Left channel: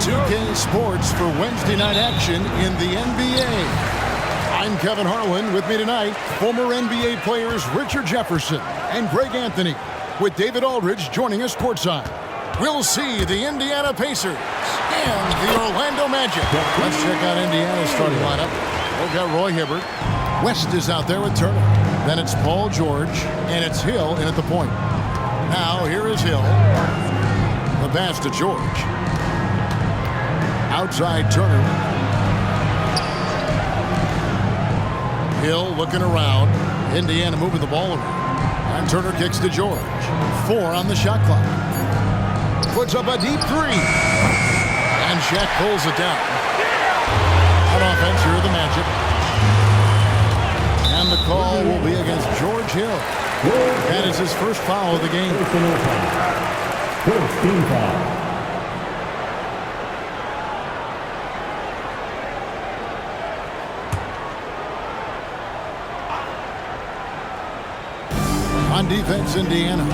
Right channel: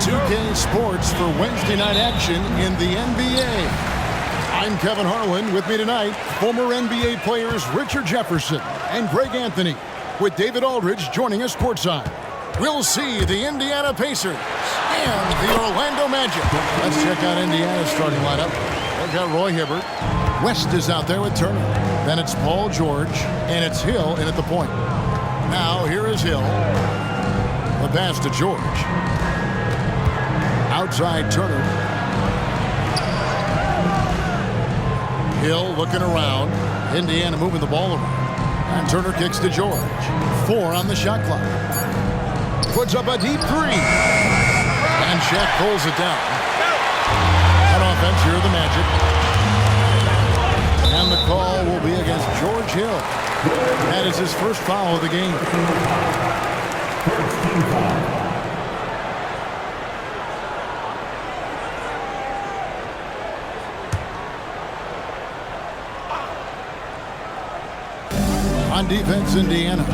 2K Sports for Wednesday night action in the NBA. I'm Kevin Harlan. With me tonight, former NBA players Richard Jefferson and Greg Anthony, with David Aldridge joining us courtside. We'll see the Indiana Pacers and the Orlando Magic. Let's check out Indiana's starting lineup. They've got Roy Hibbert. West is out there with Turner. Then it's Paul George, and it's Hill in at the point. Now here is Hill. The pass to George. Outside Turner. Hill looking around. Indiana moving the ball around. And Turner kicks to George. 4 on the shot clock. Puts up a deep 3. And Shaq pulls it down. On offense, here are the Magic. And the call will be against George Hill. That is his first foul of the game. First team foul. On defense, Indiana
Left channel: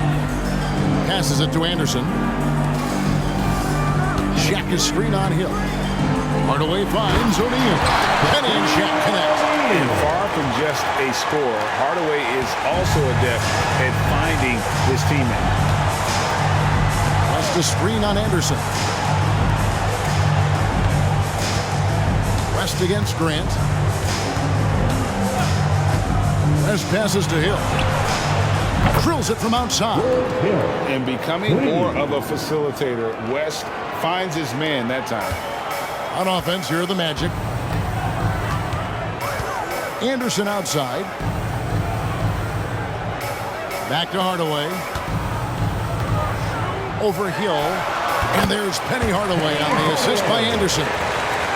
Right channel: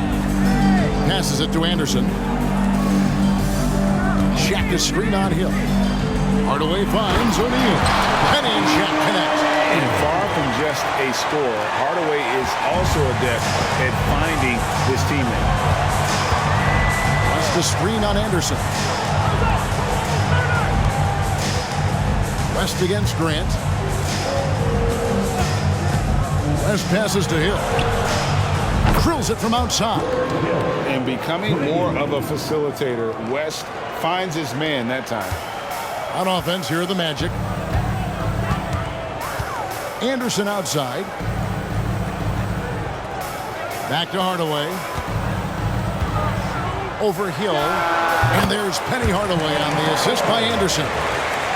passes it to Anderson. Shaq is screen on Hill. Hardaway finds O'Neal. Penny and Shaq connect. And far from just a scorer, Hardaway is also adept at finding his teammate. West a screen on Anderson. West against Grant. West passes to Hill. Drills it from outside. And becoming more of a facilitator, West finds his man that time. On offense, here are the Magic. Anderson outside. Back to Hardaway. Over Hill. And there's Penny Hardaway on the assist by Anderson.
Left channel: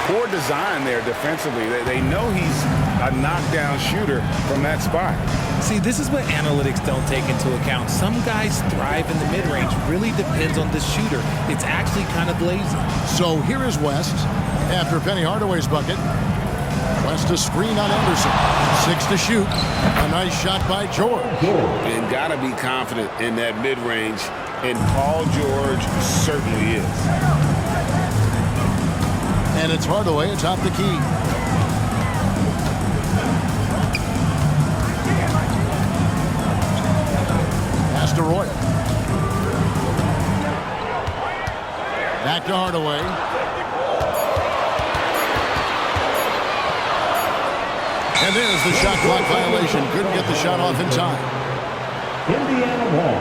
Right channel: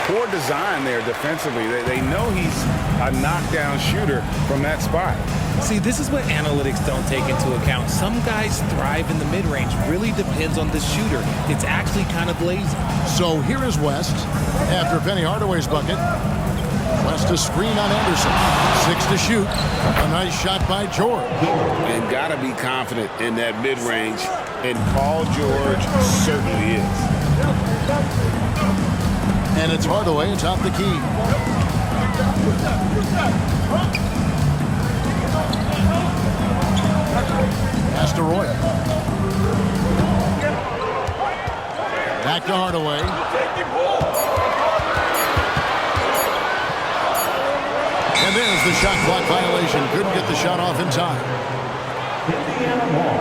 Poor design there defensively. They know he's a knockdown shooter from that spot. See, this is what analytics don't take into account. Some guys thrive in the mid-range. Really depends on the shooter. It's actually kind of lazy. So here is West after Penny Hardaway's bucket. West a screen on Anderson. 6 to shoot. A nice shot by George. And got to be confident in that mid-range. And Paul George certainly is. And it's Hardaway atop the key. Pass to Roy. Back to Hardaway. And there's the shot clock violation. Couldn't get the shot off in time. Indiana ball.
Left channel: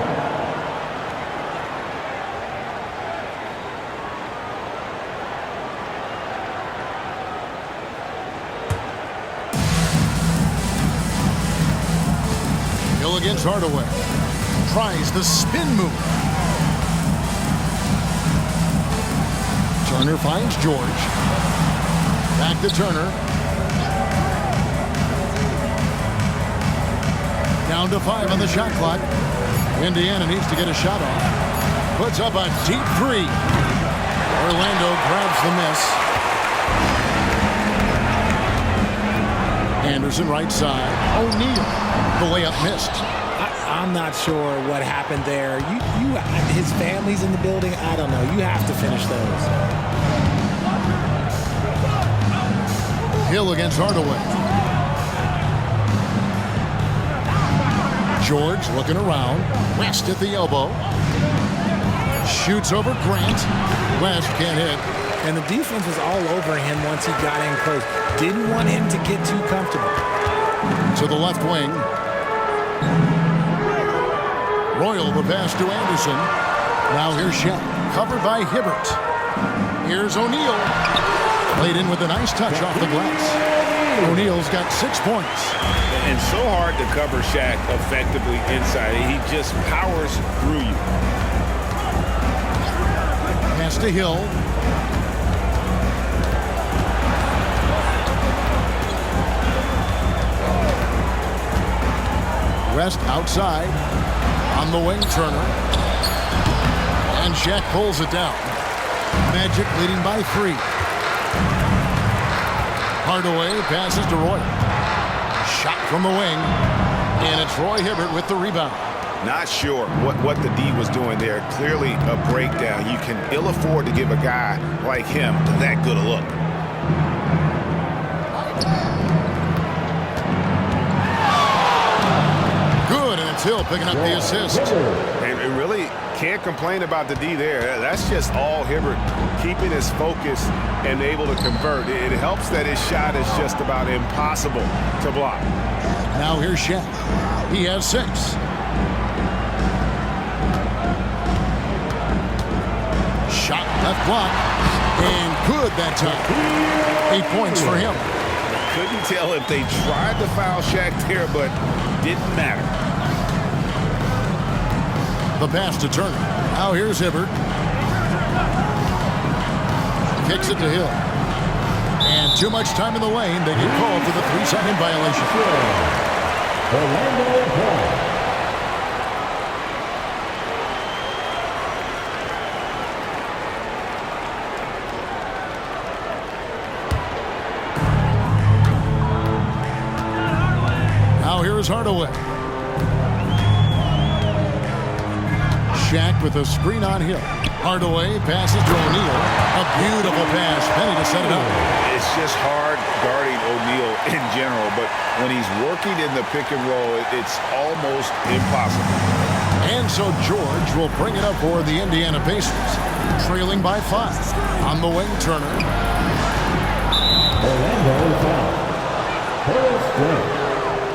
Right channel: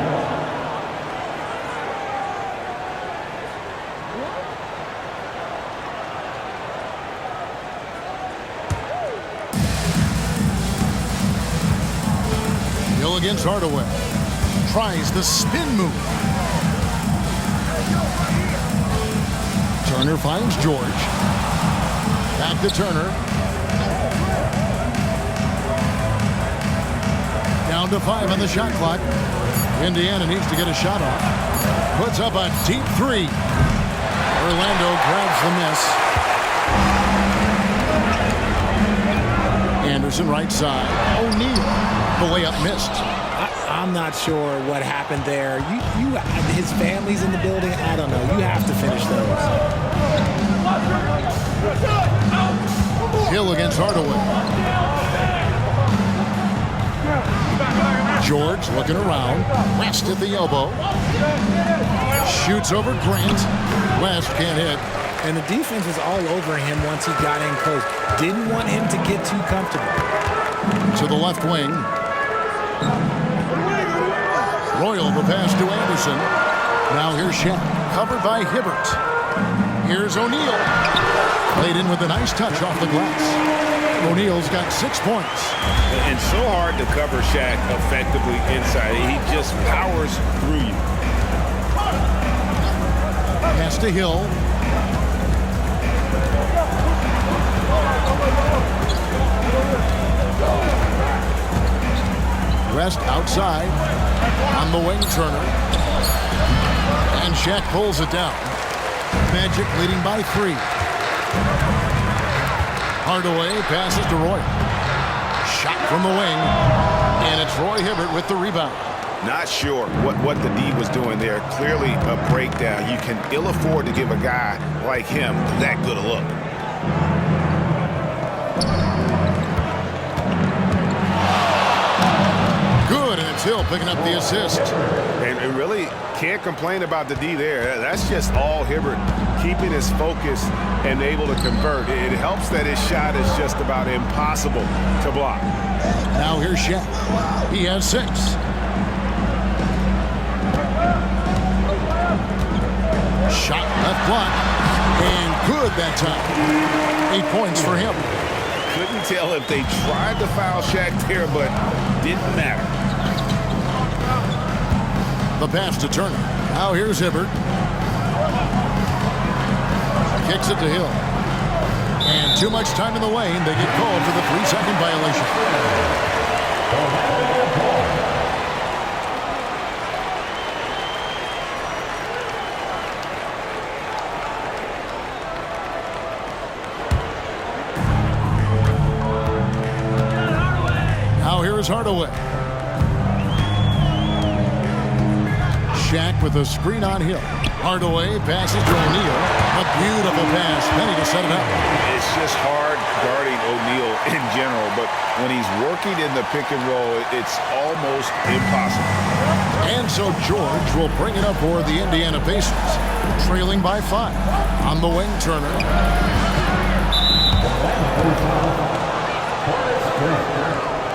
Hill against Hardaway. Tries the spin move. Turner finds George. Back to Turner. Down to 5 on the shot clock. Indiana needs to get a shot off. Puts up a deep 3. Orlando grabs the miss. Anderson right side. O'Neal. The layup missed. I'm not sure what happened there. His family's in the building. I don't know. You have to finish those. Hill against Hardaway. George looking around. West at the elbow. Shoots over Grant. West can't hit. And the defense was all over him once he got in close. Didn't want him to get too comfortable. To the left wing. Royal the pass to Anderson. Now here's Shaq. Covered by Hibbert. Here's O'Neal. Played in with a nice touch off the glass. O'Neal's got 6 points. And so hard to cover Shaq effectively inside. He just powers through you. Pass to Hill. West outside. On the wing, Turner. And Shaq pulls it down. Magic leading by 3. Hardaway passes to Roy. Shot from the wing. And it's Roy Hibbert with the rebound. Not sure what the D was doing there. Clearly a breakdown. You can ill afford to give a guy like him that good a look. Good, and it's Hill picking up the assist. And really can't complain about the D there. That's just all Hibbert keeping his focus and able to convert. It helps that his shot is just about impossible to block. Now here's Shaq. He has 6. Shot left block, and good that time. 8 points for him. Couldn't tell if they tried to foul Shaq there, but didn't matter. The pass to Turner. Now here's Hibbert. Kicks it to Hill. And too much time in the lane. They get called for the 3-second violation. Now here's Hardaway. Shaq with a screen on Hill. Hardaway passes to O'Neal. A beautiful pass. Penny to set it up. It's just hard guarding O'Neal in general, but when he's working in the pick and roll, it's almost impossible. And so George will bring it up for the Indiana Pacers, trailing by 5. On the wing, Turner. Orlando foul. Horace Grant.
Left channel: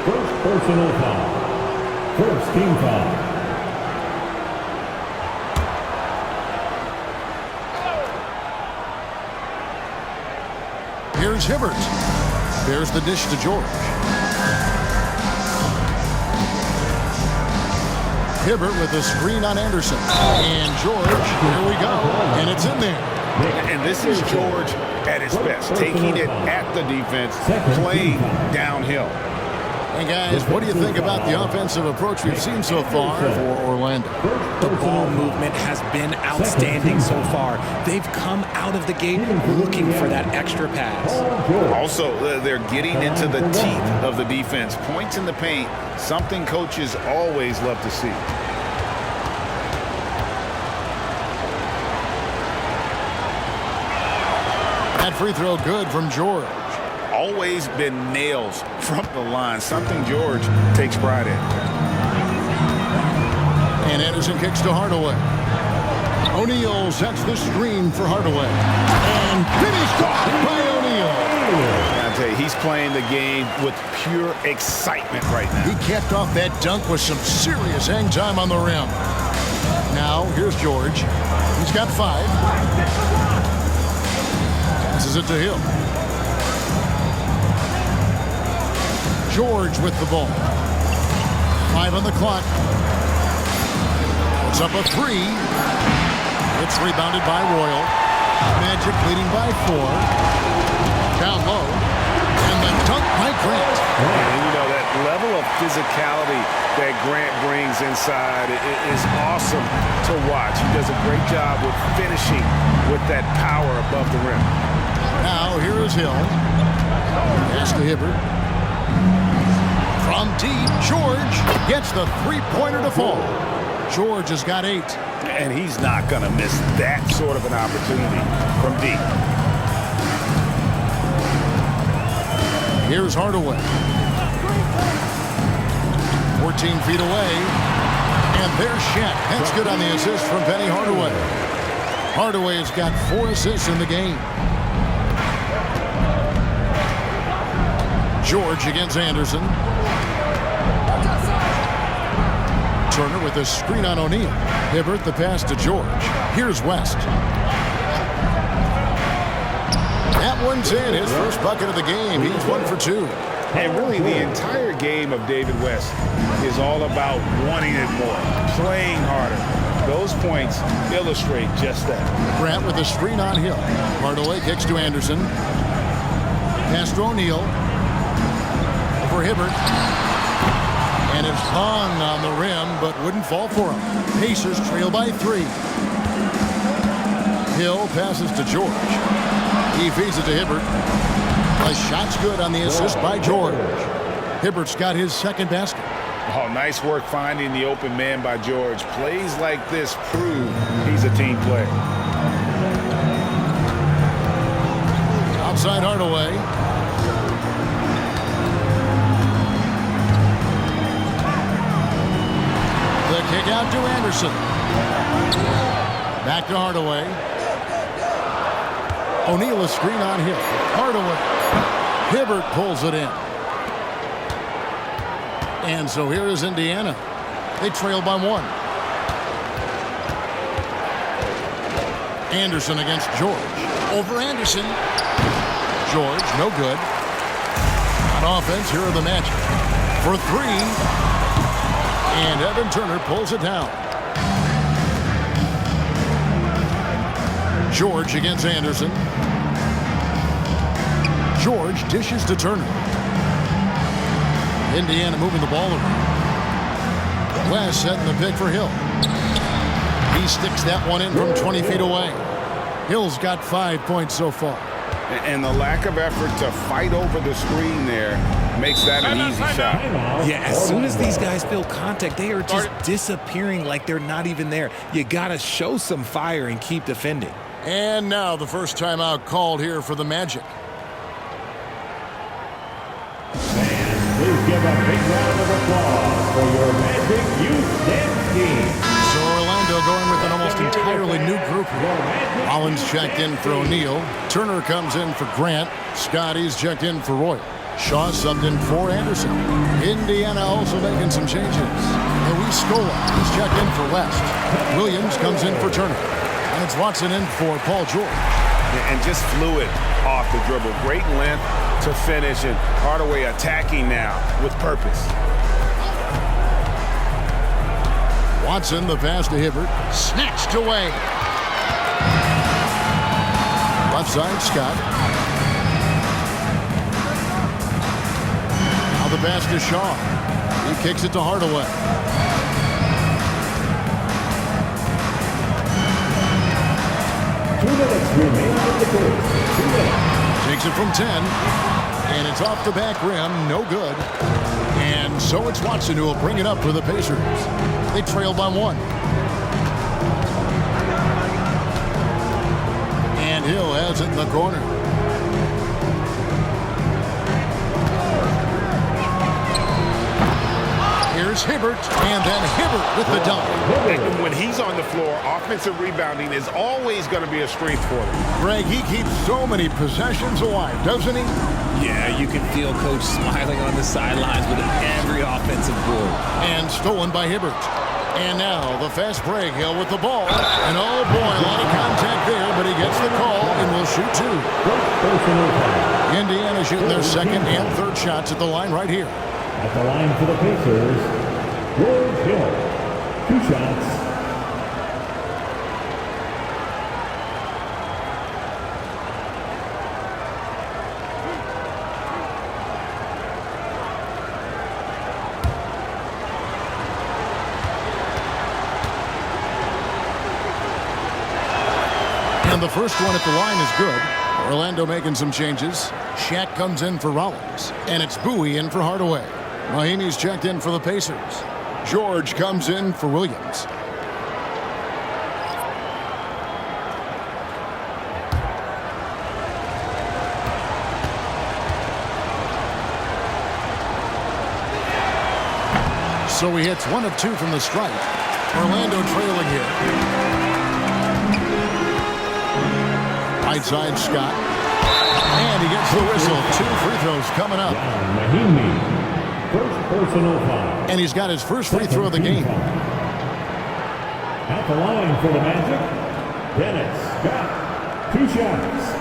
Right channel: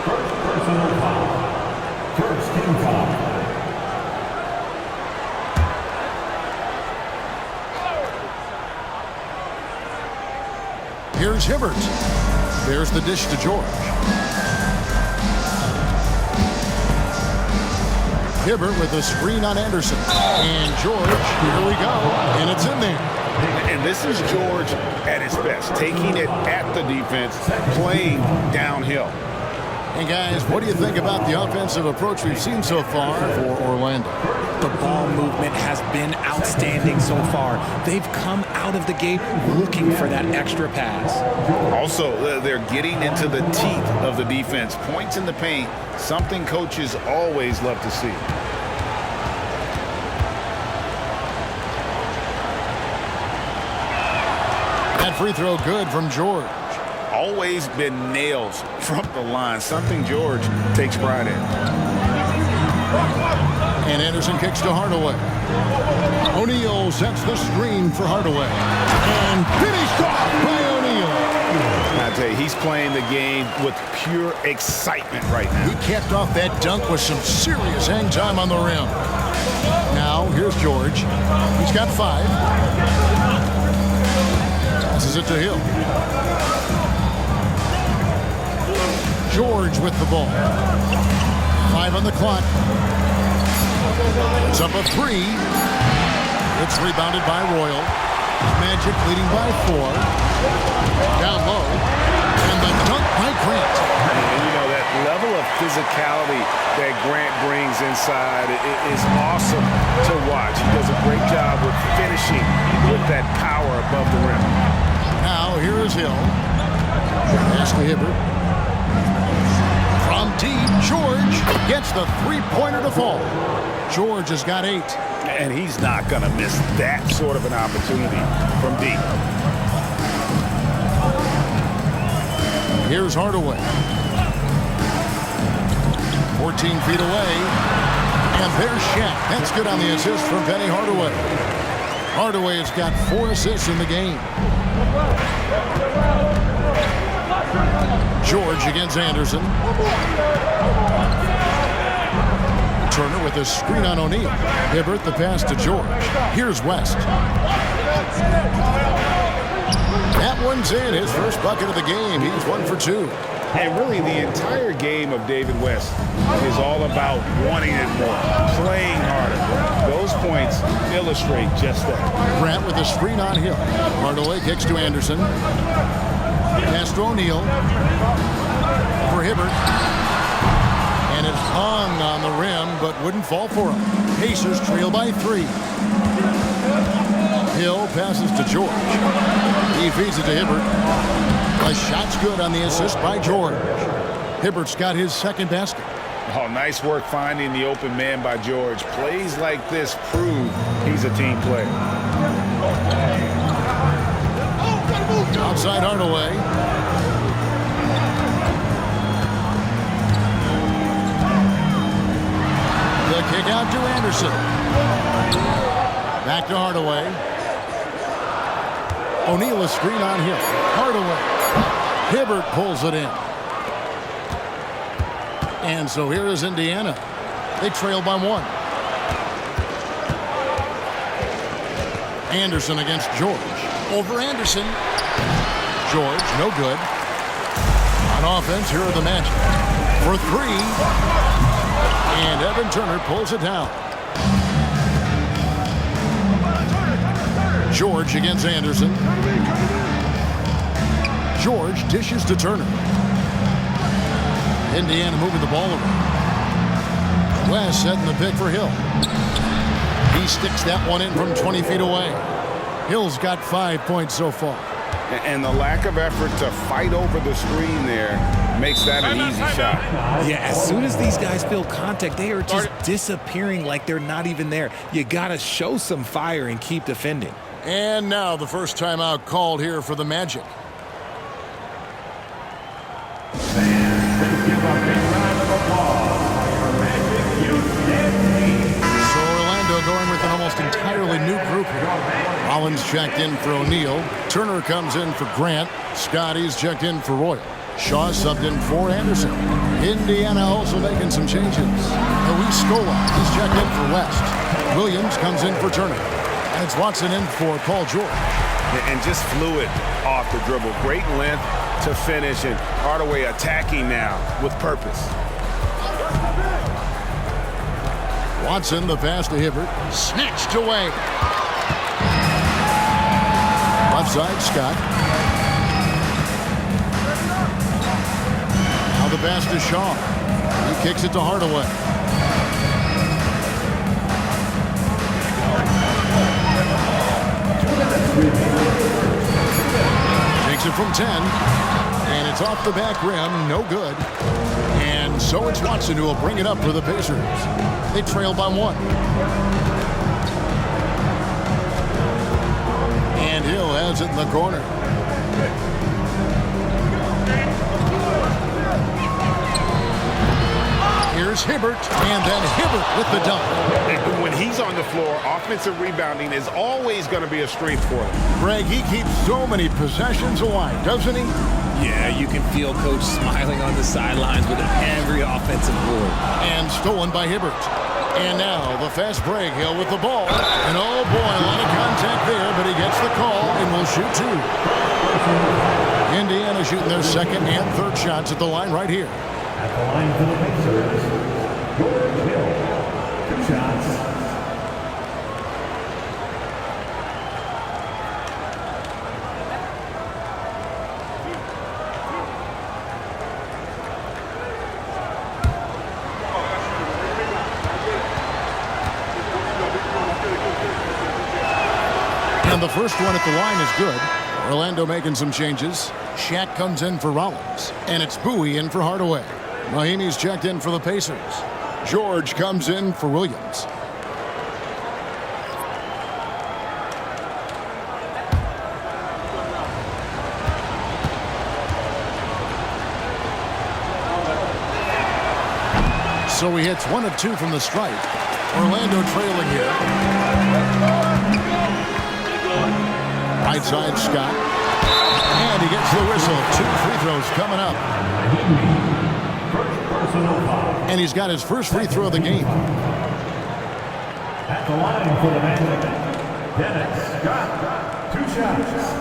First personal foul. First team foul. Here's Hibbert. There's the dish to George. Hibbert with a screen on Anderson. And George, here we go. And it's in there. And this is George at his best, taking it at the defense, playing downhill. And guys, what do you think about the offensive approach we've seen so far for Orlando? The ball movement has been outstanding so far. They've come out of the gate looking for that extra pass. Also, they're getting into the teeth of the defense. Points in the paint, something coaches always love to see. That free throw good from George. Always been nails from the line, something George takes pride in. And Anderson kicks to Hardaway. O'Neal sets the screen for Hardaway. And finished off by O'Neal. I tell you, he's playing the game with pure excitement right now. He capped off that dunk with some serious hang time on the rim. Now, here's George. He's got 5. Passes it to Hill. George with the ball. 5 on the clock. It's up a 3. It's rebounded by Royal. Magic leading by 4. Down low. And the dunk by Grant. And you know, that level of physicality that Grant brings inside is awesome to watch. He does a great job with finishing with that power above the rim. Now, here is Hill. Pass to Hibbert. From deep, George gets the 3-pointer to fall. George has got 8. And he's not going to miss that sort of an opportunity from deep. Here's Hardaway. 14 feet away. And there's Shaq. That's good on the assist from Penny Hardaway. Hardaway has got 4 assists in the game. George against Anderson. Turner with a screen on O'Neal. Hibbert the pass to George. Here's West. That one's in. His first bucket of the game. He's 1 for 2. And really, the entire game of David West is all about wanting it more, playing harder. Those points illustrate just that. Grant with a screen on Hill. Hardaway kicks to Anderson. Pass to O'Neal. For Hibbert. And it hung on the rim, but wouldn't fall for him. Pacers trail by 3. Hill passes to George. He feeds it to Hibbert. The shot's good on the assist by George. Hibbert's got his second basket. Oh, nice work finding the open man by George. Plays like this prove he's a team player. Outside Hardaway. The kick out to Anderson. Back to Hardaway. O'Neal a screen on Hill. Hardaway. Hibbert pulls it in. And so here is Indiana. They trail by 1. Anderson against George. Over Anderson. George, no good. On offense, here are the Magic. For 3. And Evan Turner pulls it down. George against Anderson. George dishes to Turner. Indiana moving the ball around. West setting the pick for Hill. He sticks that one in from 20 feet away. Hill's got 5 points so far. And the lack of effort to fight over the screen there makes that an easy shot. Yeah, as soon as these guys feel contact, they are just disappearing like they're not even there. You got to show some fire and keep defending. And now the first timeout called here for the Magic. Please give a big round of applause for your Magic Youth Dance Team. So Orlando going with an almost entirely new group here. Rollins checked in for O'Neal. Turner comes in for Grant. Scotty's checked in for Royal. Shaw subbed in for Anderson. Indiana also making some changes. Luis Scola, he's checked in for West. Williams comes in for Turner. And it's Watson in for Paul George. And just fluid off the dribble. Great length to finish, and Hardaway attacking now with purpose. Watson, the pass to Hibbert. Snatched away. Left side, Scott. Now the pass to Shaw. He kicks it to Hardaway. Takes it from 10, and it's off the back rim, no good. And so it's Watson who will bring it up for the Pacers. They trail by 1. And Hill has it in the corner. Here's Hibbert, and then Hibbert with the dunk. And when he's on the floor, offensive rebounding is always going to be a strength for them. Greg, he keeps so many possessions alive, doesn't he? Yeah, you can feel Coach smiling on the sidelines with every offensive board. And stolen by Hibbert. And now the fast break. Hill with the ball. And oh boy, a lot of contact there, but he gets the call and will shoot 2. Indiana shooting their second and third shots at the line right here. At the line for the Pacers, George Hill. 2 shots. And the first one at the line is good. Orlando making some changes. Shaq comes in for Rollins. And it's Bowie in for Hardaway. Mahimi's checked in for the Pacers. George comes in for Williams. So he hits 1 of 2 from the stripe. Orlando trailing here. Right side, Scott. And he gets the whistle. 2 free throws coming up. Mahimi, first personal foul. And he's got his first free throw of the game. At the line for the Magic, Dennis Scott. 2 shots.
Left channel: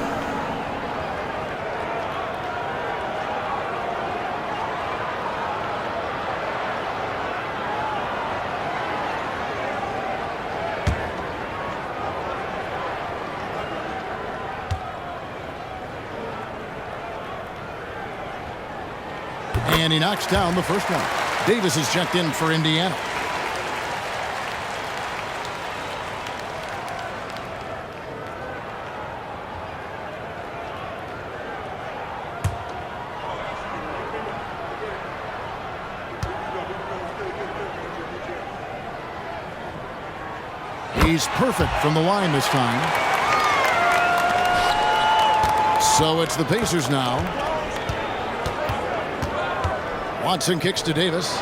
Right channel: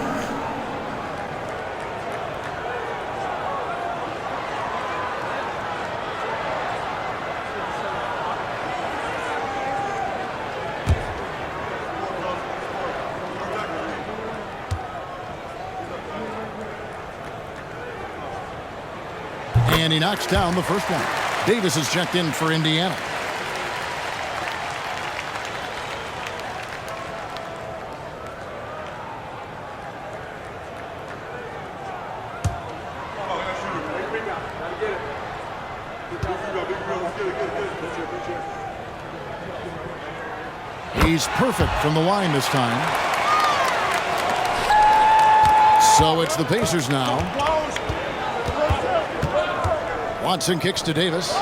And he knocks down the first one. Davis is checked in for Indiana. He's perfect from the line this time. So it's the Pacers now. Watson kicks to Davis.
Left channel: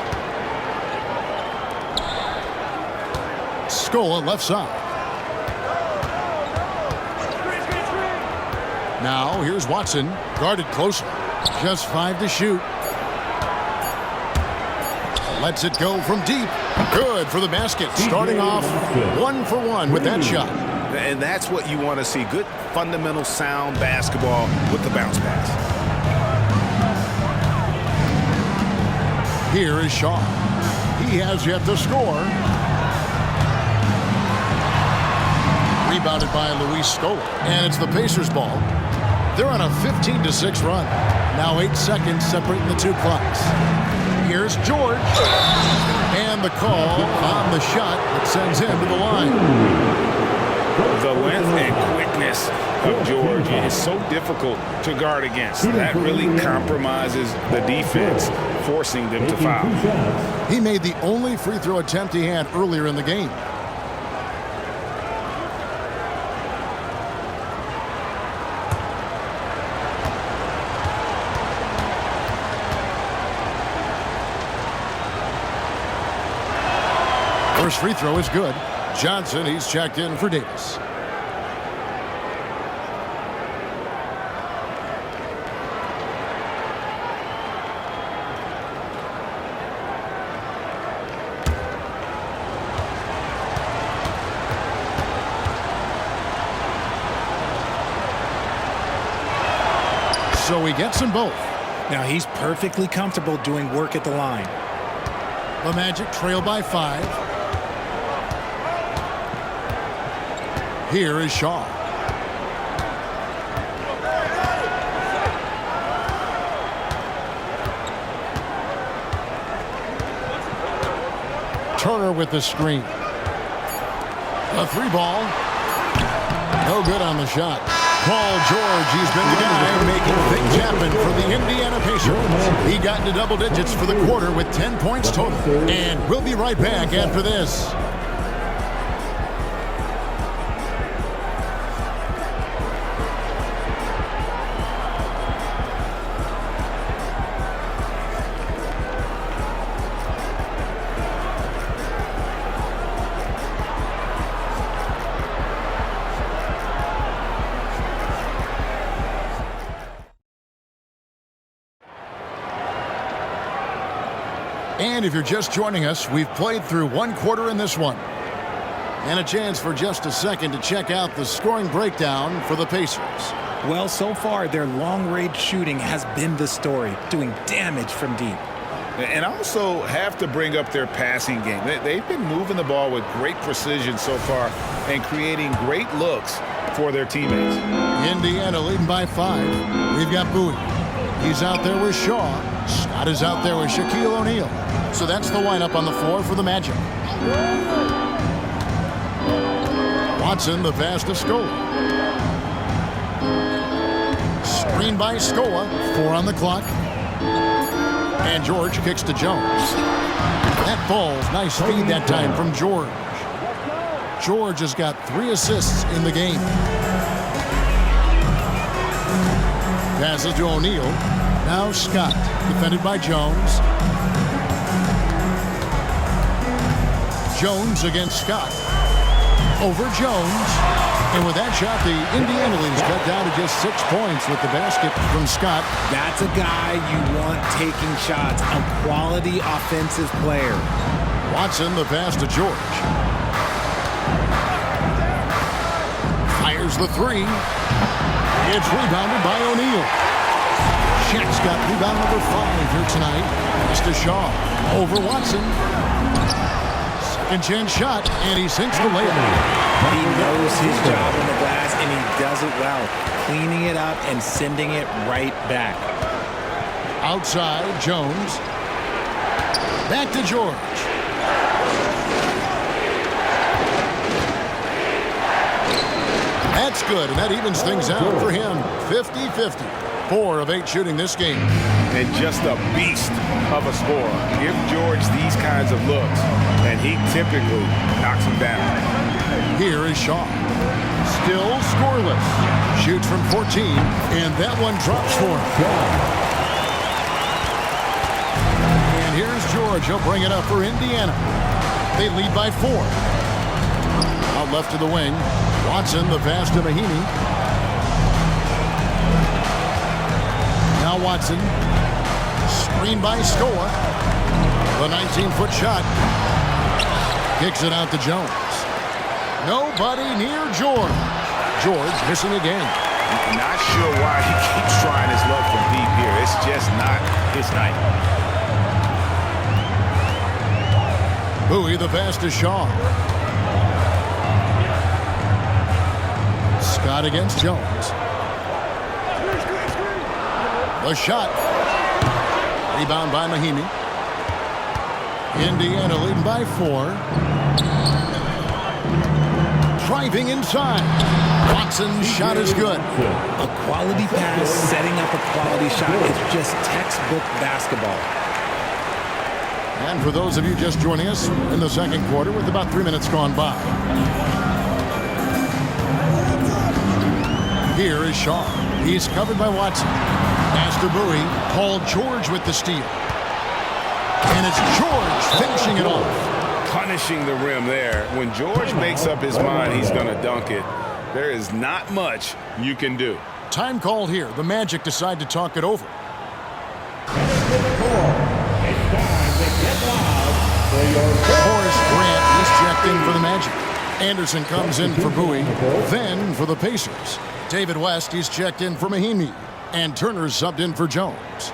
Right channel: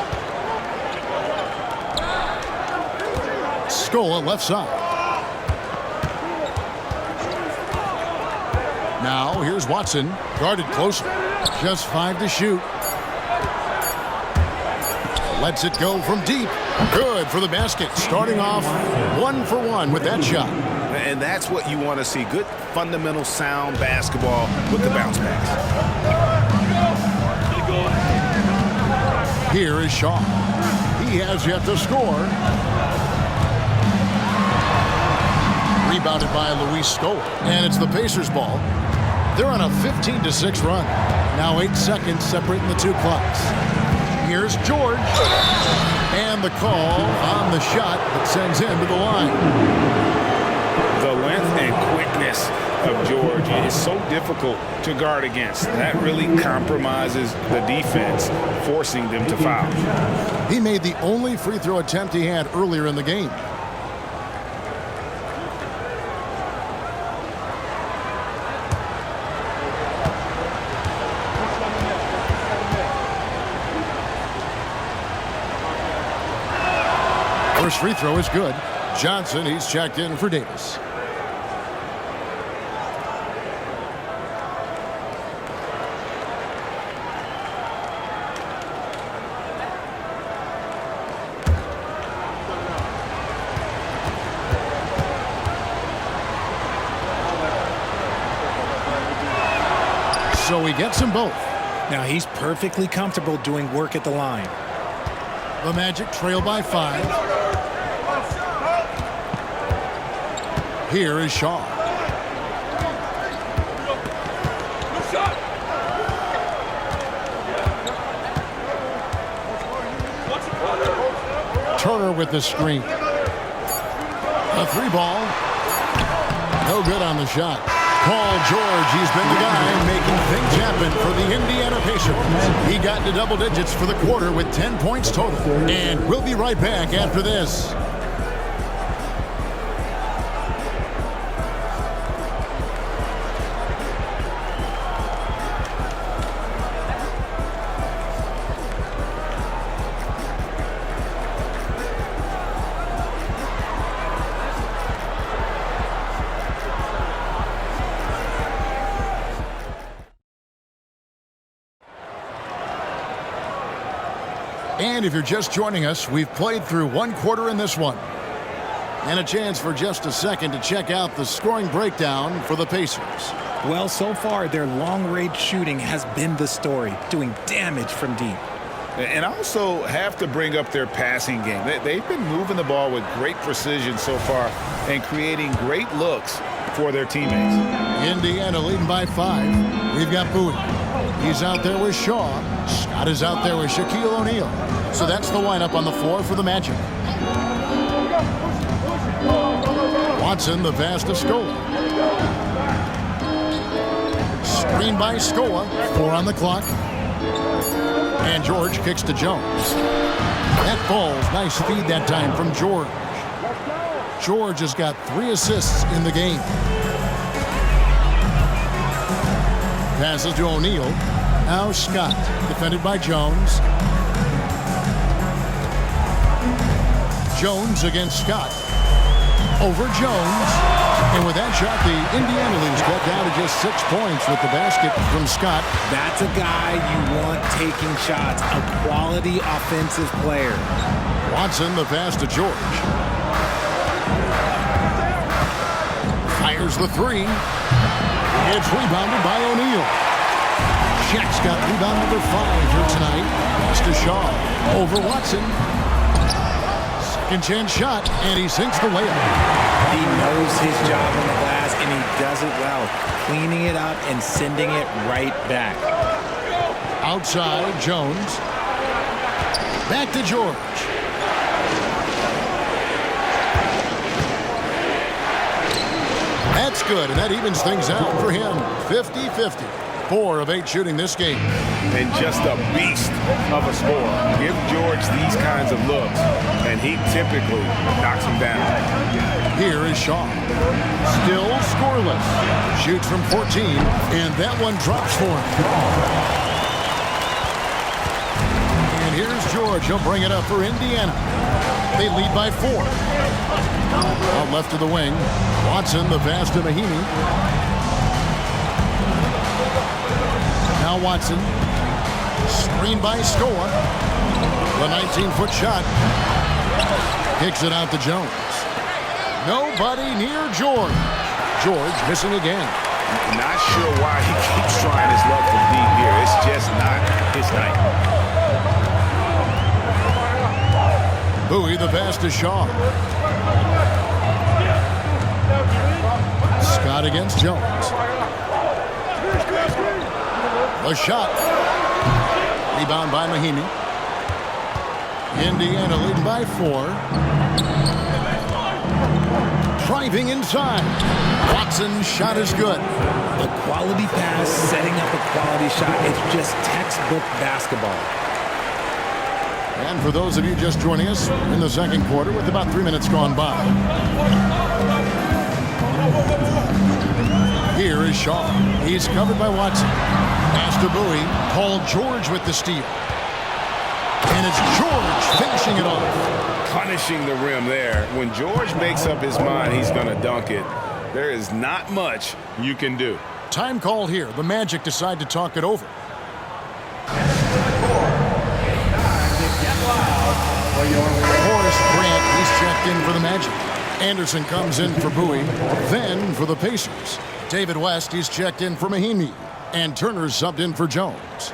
Scola left side. Now here's Watson, guarded closer. Just 5 to shoot. Lets it go from deep. Good for the basket. Starting off 1 for 1 with that shot. And that's what you want to see. Good, fundamental, sound basketball with the bounce pass. Here is Shaw. He has yet to score. Rebounded by Luis Scola. And it's the Pacers ball. They're on a 15-6 run. Now 8 seconds separating the two clocks. Here's George. And the call on the shot that sends him to the line. The length and quickness of George is so difficult to guard against. That really compromises the defense, forcing them to foul. He made the only free throw attempt he had earlier in the game. First free throw is good. Johnson, he's checked in for Davis. So he gets them both. Now he's perfectly comfortable doing work at the line. The Magic trail by 5. Here is Shaw. Turner with the screen. A 3-ball. No good on the shot. Paul George, he's been the guy making things happen for the Indiana Pacers. He got into double digits for the quarter with 10 points total. And we'll be right back after this. And if you're just joining us, we've played through 1 quarter in this one. And a chance for just a second to check out the scoring breakdown for the Pacers. Well, so far, their long-range shooting has been the story, doing damage from deep. And I also have to bring up their passing game. They've been moving the ball with great precision so far and creating great looks for their teammates. Indiana leading by 5. We've got Bowie. He's out there with Shaw. Scott is out there with Shaquille O'Neal. So that's the lineup on the floor for the Magic. Watson, the pass to Scola. Screen by Scola. 4 on the clock. And George kicks to Jones. That falls. Nice feed that time from George. George has got 3 assists in the game. Passes to O'Neal. Now Scott, defended by Jones. Jones against Scott. Over Jones. And with that shot, the Indiana lead is cut down to just 6 points with the basket from Scott. That's a guy you want taking shots, a quality offensive player. Watson, the pass to George. Fires the 3. It's rebounded by O'Neal. Shaq's got rebound number 5 here tonight. Pass to Shaw. Over Watson. Second chance shot, and he sinks the layup. He knows his job on the glass, and he does it well, cleaning it up and sending it right back. Outside, Jones. Back to George. That's good, and that evens things out for him. 50-50. 4 of 8 shooting this game. and just a beast of a scorer. Give George these kinds of looks, and he typically knocks them down. Here is Shaw. Still scoreless. Shoots from 14, and that one drops for him. And here's George. He'll bring it up for Indiana. They lead by 4. Out left to the wing. Watson, the pass to Mahinmi. Now Watson. Screen by Scoa. The 19-foot shot. Kicks it out to Jones. Nobody near George. George missing again. Not sure why he keeps trying his luck from deep here. It's just not his night. Bowie, the pass to Shaw. Scott against Jones. The shot. Rebound by Mahinmi. Indiana leading by 4. Driving inside. Watson's shot is good. A quality pass, setting up a quality shot. It's just textbook basketball. And for those of you just joining us in the second quarter with about 3 minutes gone by. Here is Shaw. He's covered by Watson. Pass to Bowie. Paul George with the steal. And it's George finishing it off. Punishing the rim there. When George makes up his mind he's going to dunk it, there is not much you can do. Time called here. The Magic decide to talk it over. Horace Grant, he's checked in for the Magic. Anderson comes in for Bowie, then for the Pacers. David West, he's checked in for Mahinmi. And Turner's subbed in for Jones.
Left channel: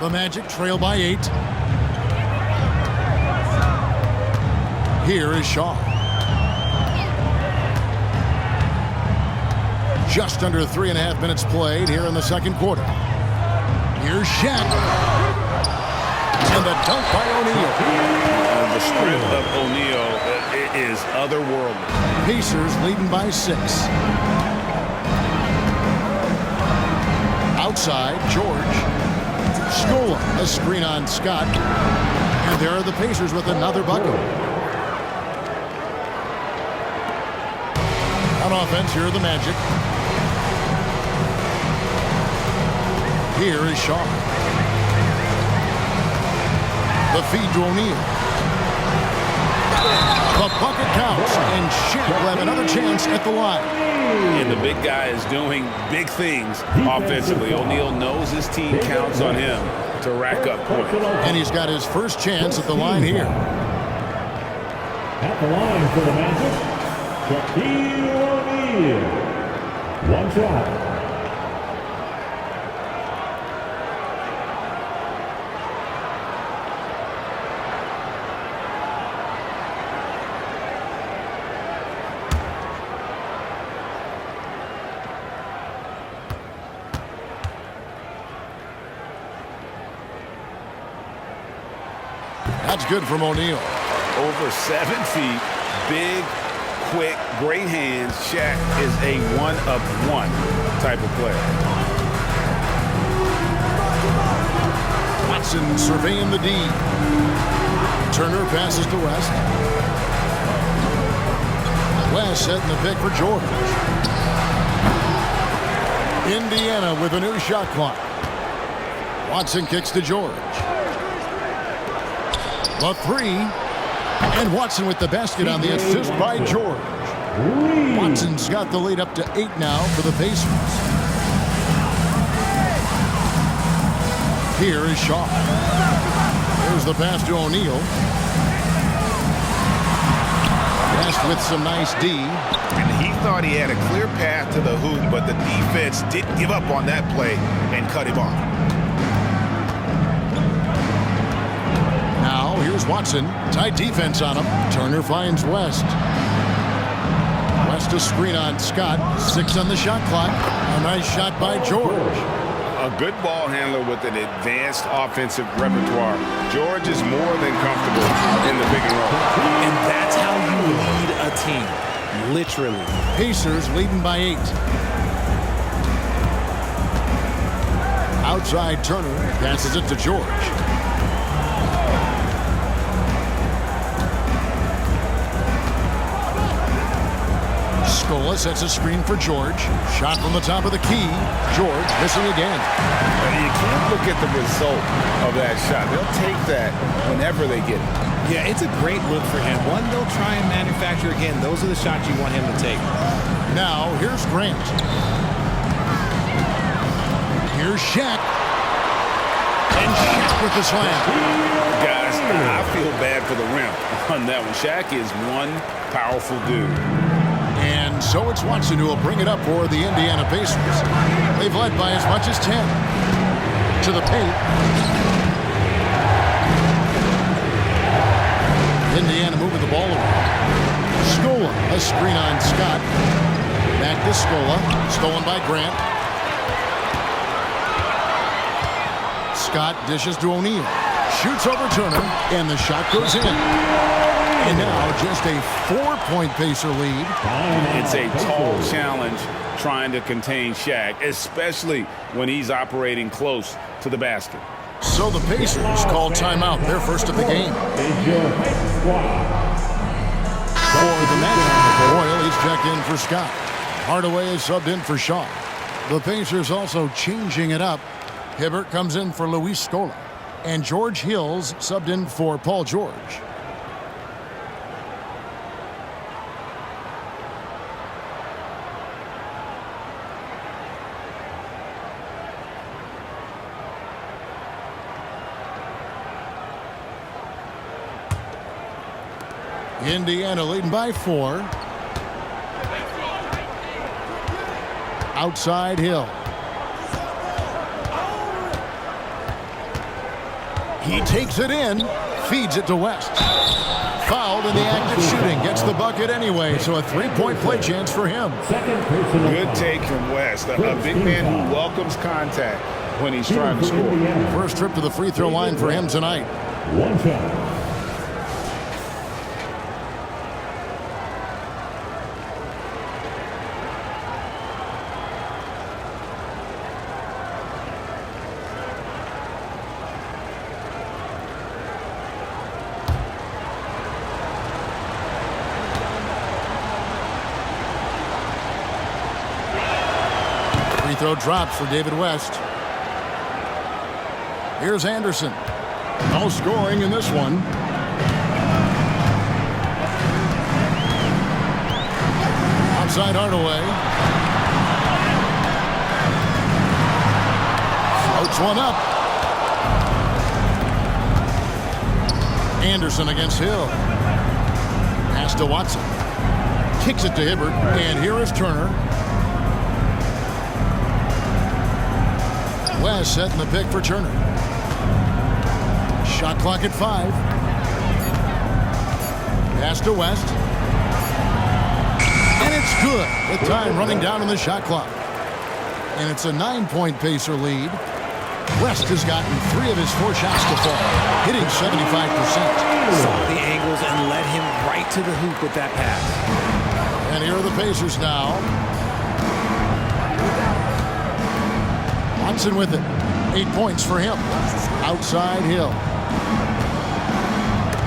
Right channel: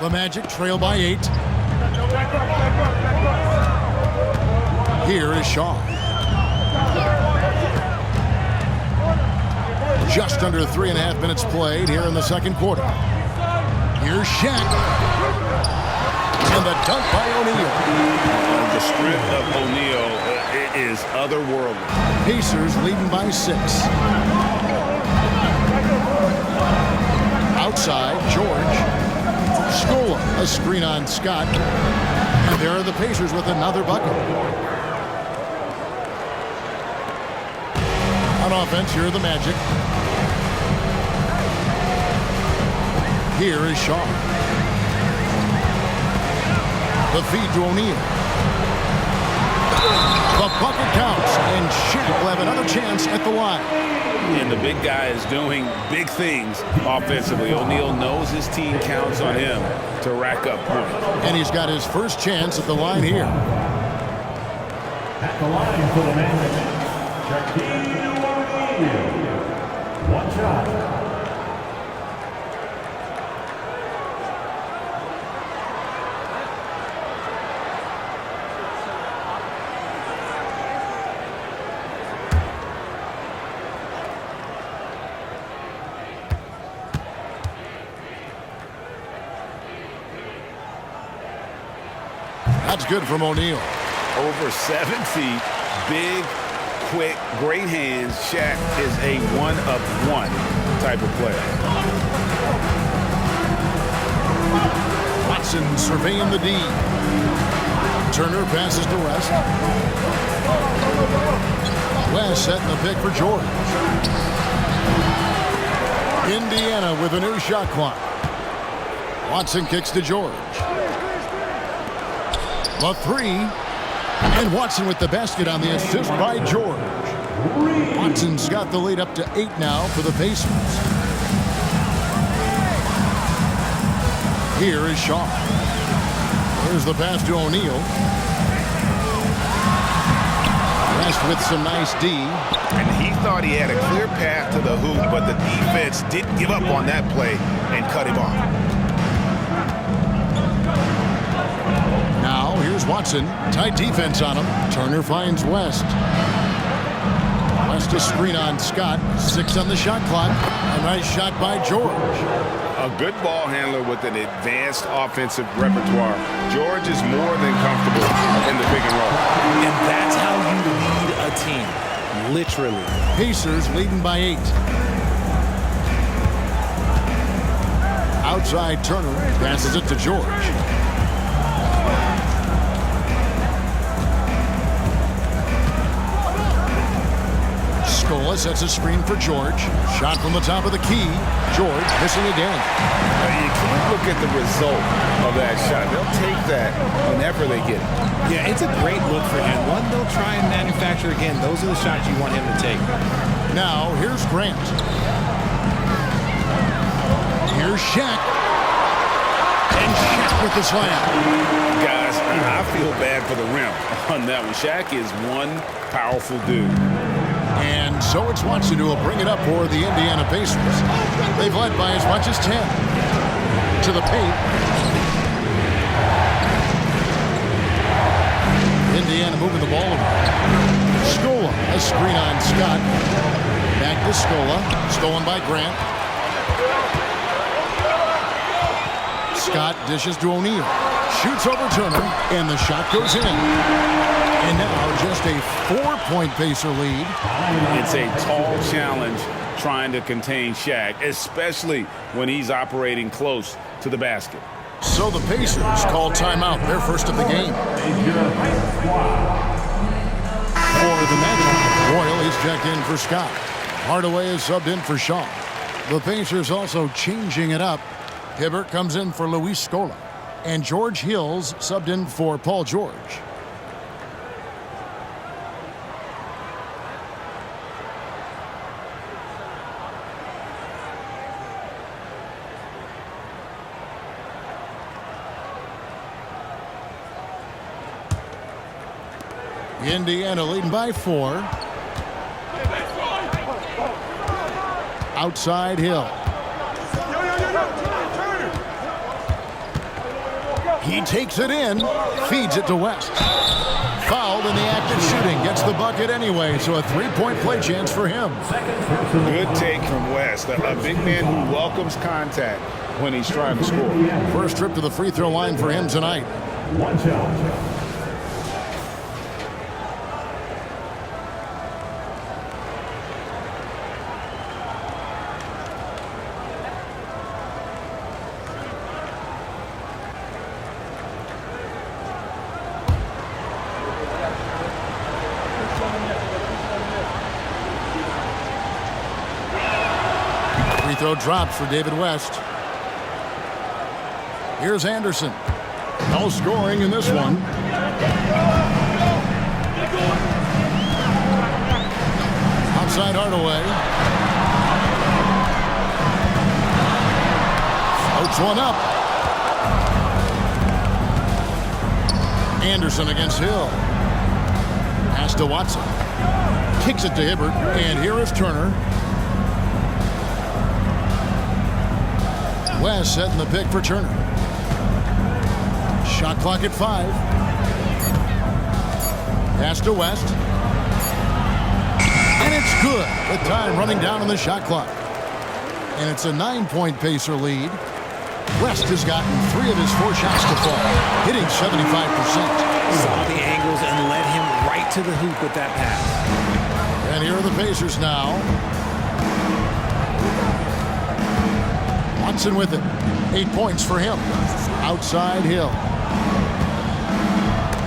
The Magic trail by 8. Here is Shaw. Just under 3.5 minutes played here in the second quarter. Here's Shaq. And the dunk by O'Neal. The strength of O'Neal is otherworldly. Pacers leading by 6. Outside, George. Scola, a screen on Scott. And there are the Pacers with another bucket. On offense, here are the Magic. Here is Shaw. The feed to O'Neal. The bucket counts, and Shaq will have another chance at the line. And the big guy is doing big things offensively. O'Neal knows his team counts on him to rack up points. And he's got his first chance at the line here. At the line for the Magic, Shaquille O'Neal. One shot. That's good from O'Neal. Over 7 feet, big, quick, great hands. Shaq is a one-of-one type of player. Watson surveying the D. Turner passes to West. West setting the pick for George. Indiana with a new shot clock. Watson kicks to George. The 3. And Watson with the basket on the assist by George. Watson's got the lead up to 8 now for the Pacers. Here is Shaw. There's the pass to O'Neal. West with some nice D. And he thought he had a clear path to the hoop, but the defense didn't give up on that play and cut him off. Now, here's Watson. Tight defense on him. Turner finds West. West a screen on Scott. 6 on the shot clock. A nice shot by George. A good ball handler with an advanced offensive repertoire. George is more than comfortable in the pick and roll. And that's how you lead a team, literally. Pacers leading by 8. Outside Turner passes it to George. Scola sets a screen for George. Shot from the top of the key. George missing again. You can't look at the result of that shot. They'll take that whenever they get it. Yeah, it's a great look for him. One they'll try and manufacture again. Those are the shots you want him to take. Now, here's Grant. Here's Shaq. And Shaq with the slam. Guys, I feel bad for the rim on that one. Shaq is one powerful dude. And so it's Watson who will bring it up for the Indiana Pacers. They've led by as much as 10. To the paint. Indiana moving the ball around. Scola, a screen on Scott. Back to Scola. Stolen by Grant. Scott dishes to O'Neal. Shoots over Turner, and the shot goes in. And now just a 4-point Pacer lead. It's a tall challenge trying to contain Shaq, especially when he's operating close to the basket. So the Pacers call timeout, their first of the game. For the matchup, Royal is checked in for Scott. Hardaway is subbed in for Shaw. The Pacers also changing it up. Hibbert comes in for Luis Scola. And George Hills subbed in for Paul George. Indiana leading by 4. Outside Hill. He takes it in, feeds it to West. Fouled in the act of shooting, gets the bucket anyway, so a 3-point play chance for him. Good take from West, a big man who welcomes contact when he's trying to score. First trip to the free throw line for him tonight. One shot. Free throw drops for David West. Here's Anderson. No scoring in this one. Outside Hardaway. Floats one up. Anderson against Hill. Pass to Watson. Kicks it to Hibbert. And here is Turner. West setting the pick for Turner. Shot clock at 5. Pass to West. And it's good with time running down on the shot clock. And it's a 9-point Pacer lead. West has gotten 3 of his 4 shots to fall, hitting 75%. Saw the angles and led him right to the hoop with that pass. And here are the Pacers now. Watson with it. 8 points for him. Outside Hill.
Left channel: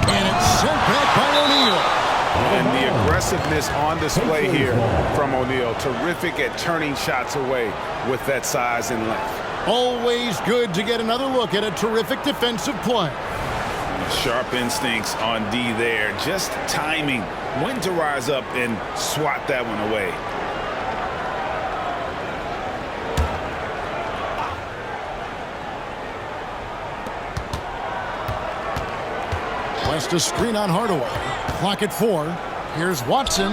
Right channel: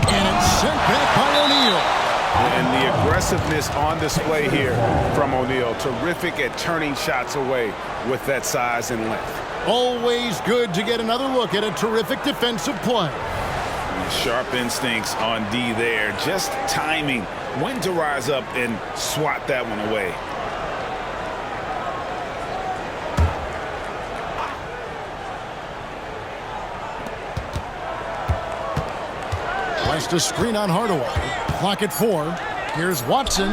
And it's sent back by O'Neal. And the aggressiveness on display here from O'Neal. Terrific at turning shots away with that size and length. Always good to get another look at a terrific defensive play. Sharp instincts on D there. Just timing when to rise up and swat that one away. West a screen on Hardaway. Clock at 4. Here's Watson.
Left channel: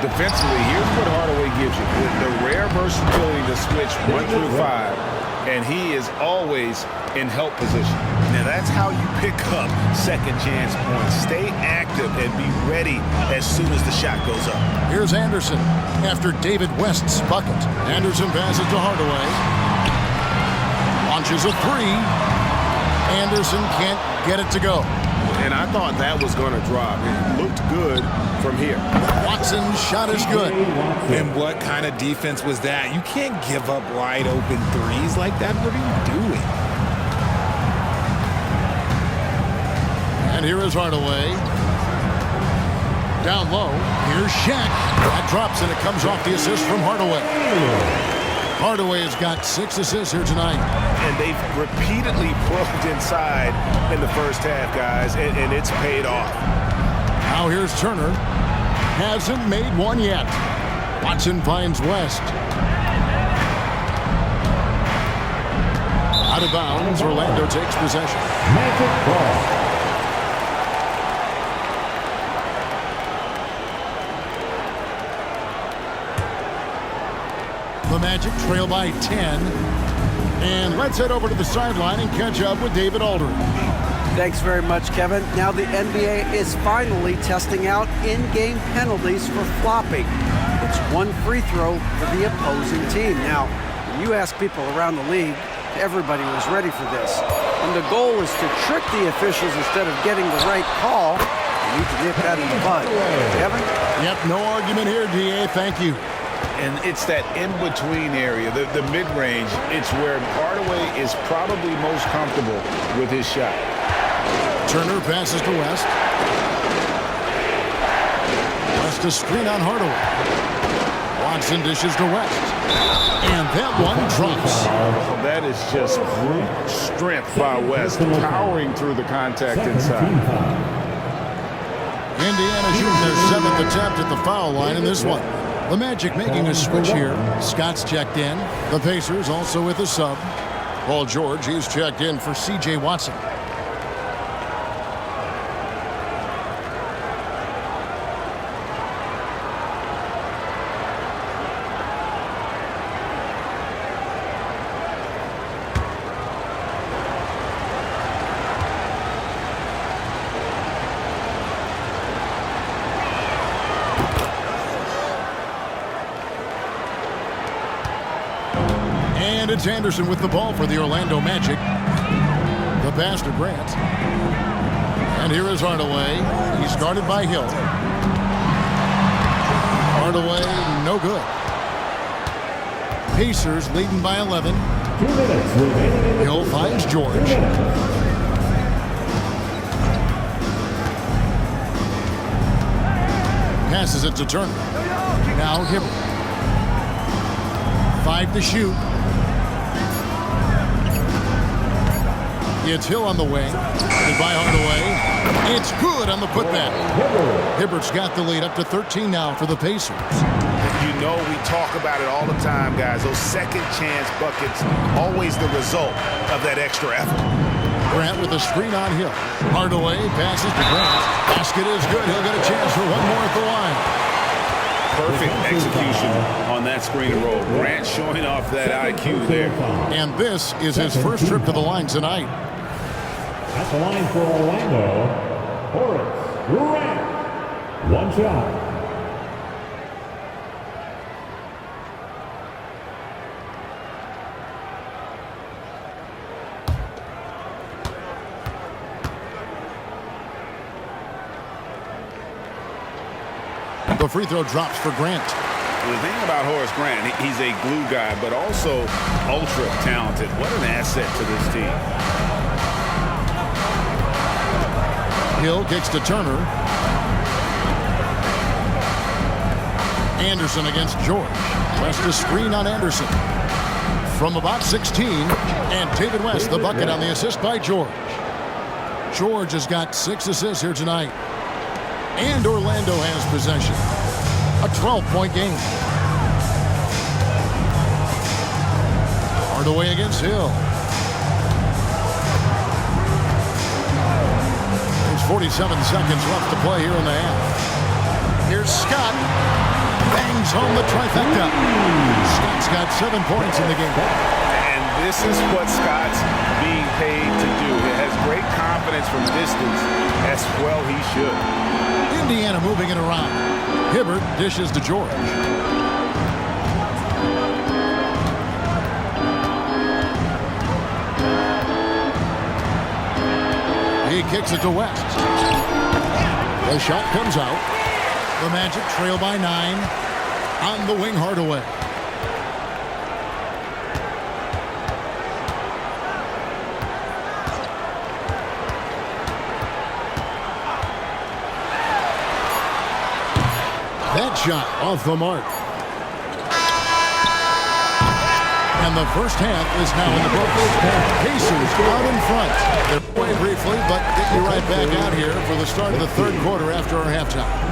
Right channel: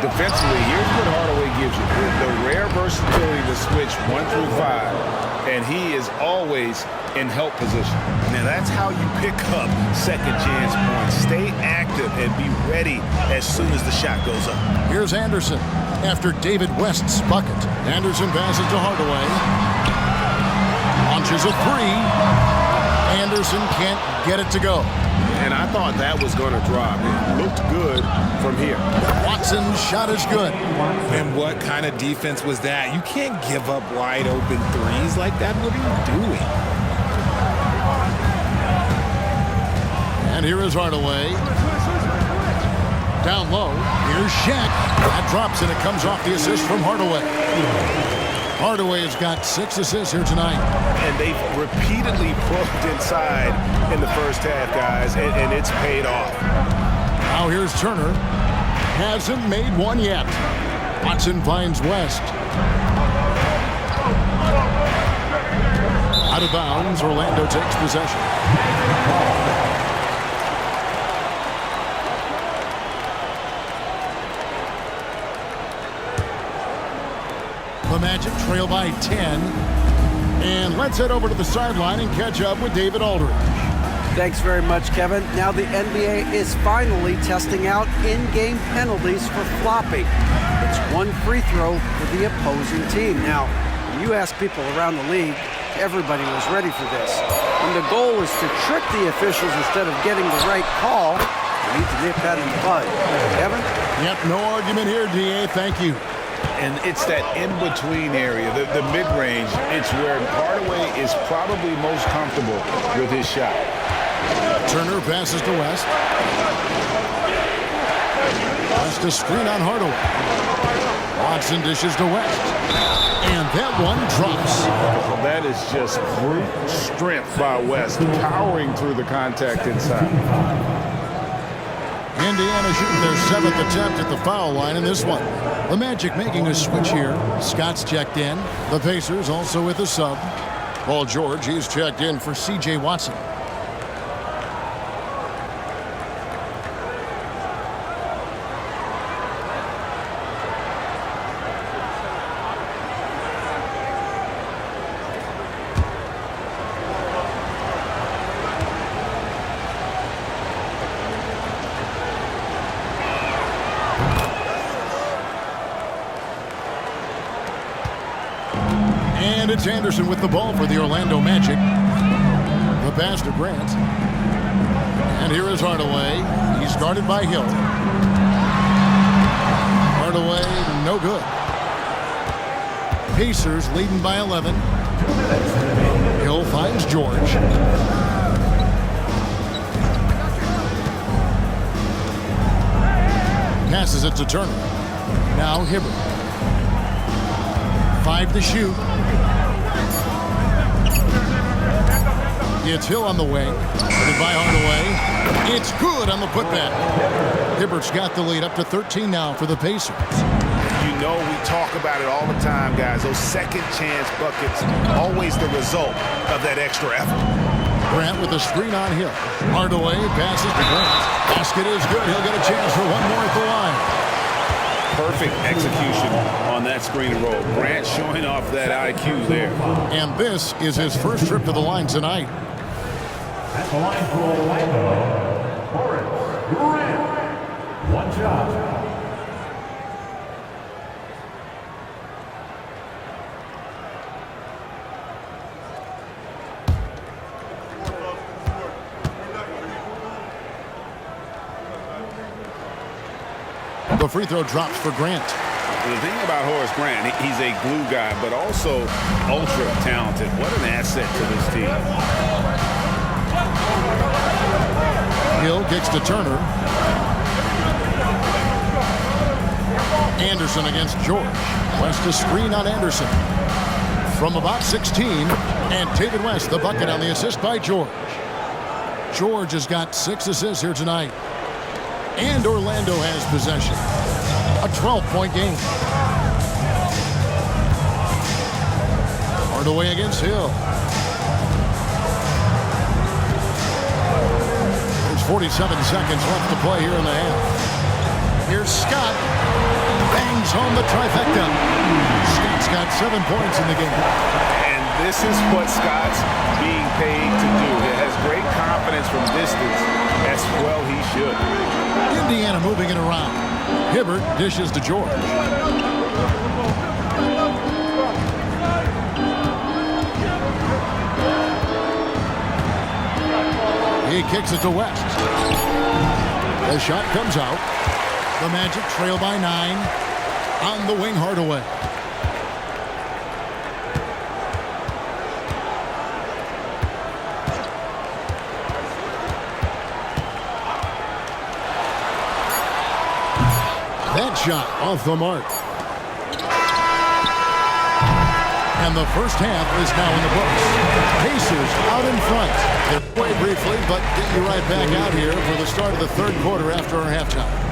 Defensively, here's what Hardaway gives you. The rare versatility to switch 1 through 5 and he is always in help position. Now that's how you pick up second chance points. Stay active and be ready as soon as the shot goes up. Here's Anderson after David West's bucket. Anderson passes to Hardaway. Launches a three. Anderson can't get it to go. And I thought that was going to drop. It looked good from here. Watson's shot is good. And what kind of defense was that? You can't give up wide open threes like that. What are you doing? And here is Hardaway. Down low. Here's Shaq. That drops and it comes off the assist from Hardaway. Hardaway has got 6 assists here tonight. And they've repeatedly probed inside in the first half, guys, and it's paid off. Now here's Turner. Hasn't made one yet. Watson finds West. Out of bounds, Orlando takes possession. The Magic trail by 10. And let's head over to the sideline and catch up with David Aldridge. Thanks very much, Kevin. Now the NBA is finally testing out in-game penalties for flopping. It's one free throw for the opposing team. Now, when you ask people around the league, everybody was ready for this. When the goal is to trick the officials instead of getting the right call, you need to nip that in the bud. Kevin? Yep, no argument here, DA. Thank you. And it's that in-between area, the mid-range. It's where Hardaway is probably most comfortable with his shot. Turner passes to West. West a screen on Hardaway. Watson dishes to West. And that one drops. Well, that is just brute strength by West, powering through the contact inside. Indiana shooting their 7th attempt at the foul line in this one. The Magic making a switch here. Scott's checked in. The Pacers also with a sub. Paul George, he's checked in for C.J. Watson. And it's Anderson with the ball for the Orlando Magic. The pass to Grant. And here is Hardaway. He's guarded by Hill. Hardaway, no good. Pacers leading by 11. 2 minutes remaining. Hill finds George. Passes it to Turner. Now Hibbert. 5 to shoot. It's Hill on the wing. Guarded by Hardaway. It's good on the putback. Hibbert's got the lead up to 13 now for the Pacers. You know we talk about it all the time, guys. Those second chance buckets, always the result of that extra effort. Grant with a screen on Hill. Hardaway passes to Grant. Basket is good. He'll get a chance for one more at the line. Perfect execution on that screen and roll. Grant showing off that IQ there. And this is his first trip to the line tonight. At the line for Orlando, Horace Grant. One shot. The free throw drops for Grant. The thing about Horace Grant, he's a glue guy, but also ultra talented. What an asset to this team. Hill kicks to Turner. Anderson against George. West a screen on Anderson. From about 16, and David West, the bucket on the assist by George. George has got 6 assists here tonight. And Orlando has possession. A 12-point game. Hardaway against Hill. There's 47 seconds left to play here in the half. Here's Scott. Bangs home the trifecta. Scott's got 7 points in the game. And this is what Scott's being paid to do. He has great confidence from distance, as well he should. Indiana moving it around. Hibbert dishes to George. He kicks it to West. The shot comes out. The Magic trail by 9. On the wing, Hardaway. That shot off the mark. And the first half is now in the books. Pacers out in front. They're away briefly, but get you right back out here for the start of the third quarter after our halftime.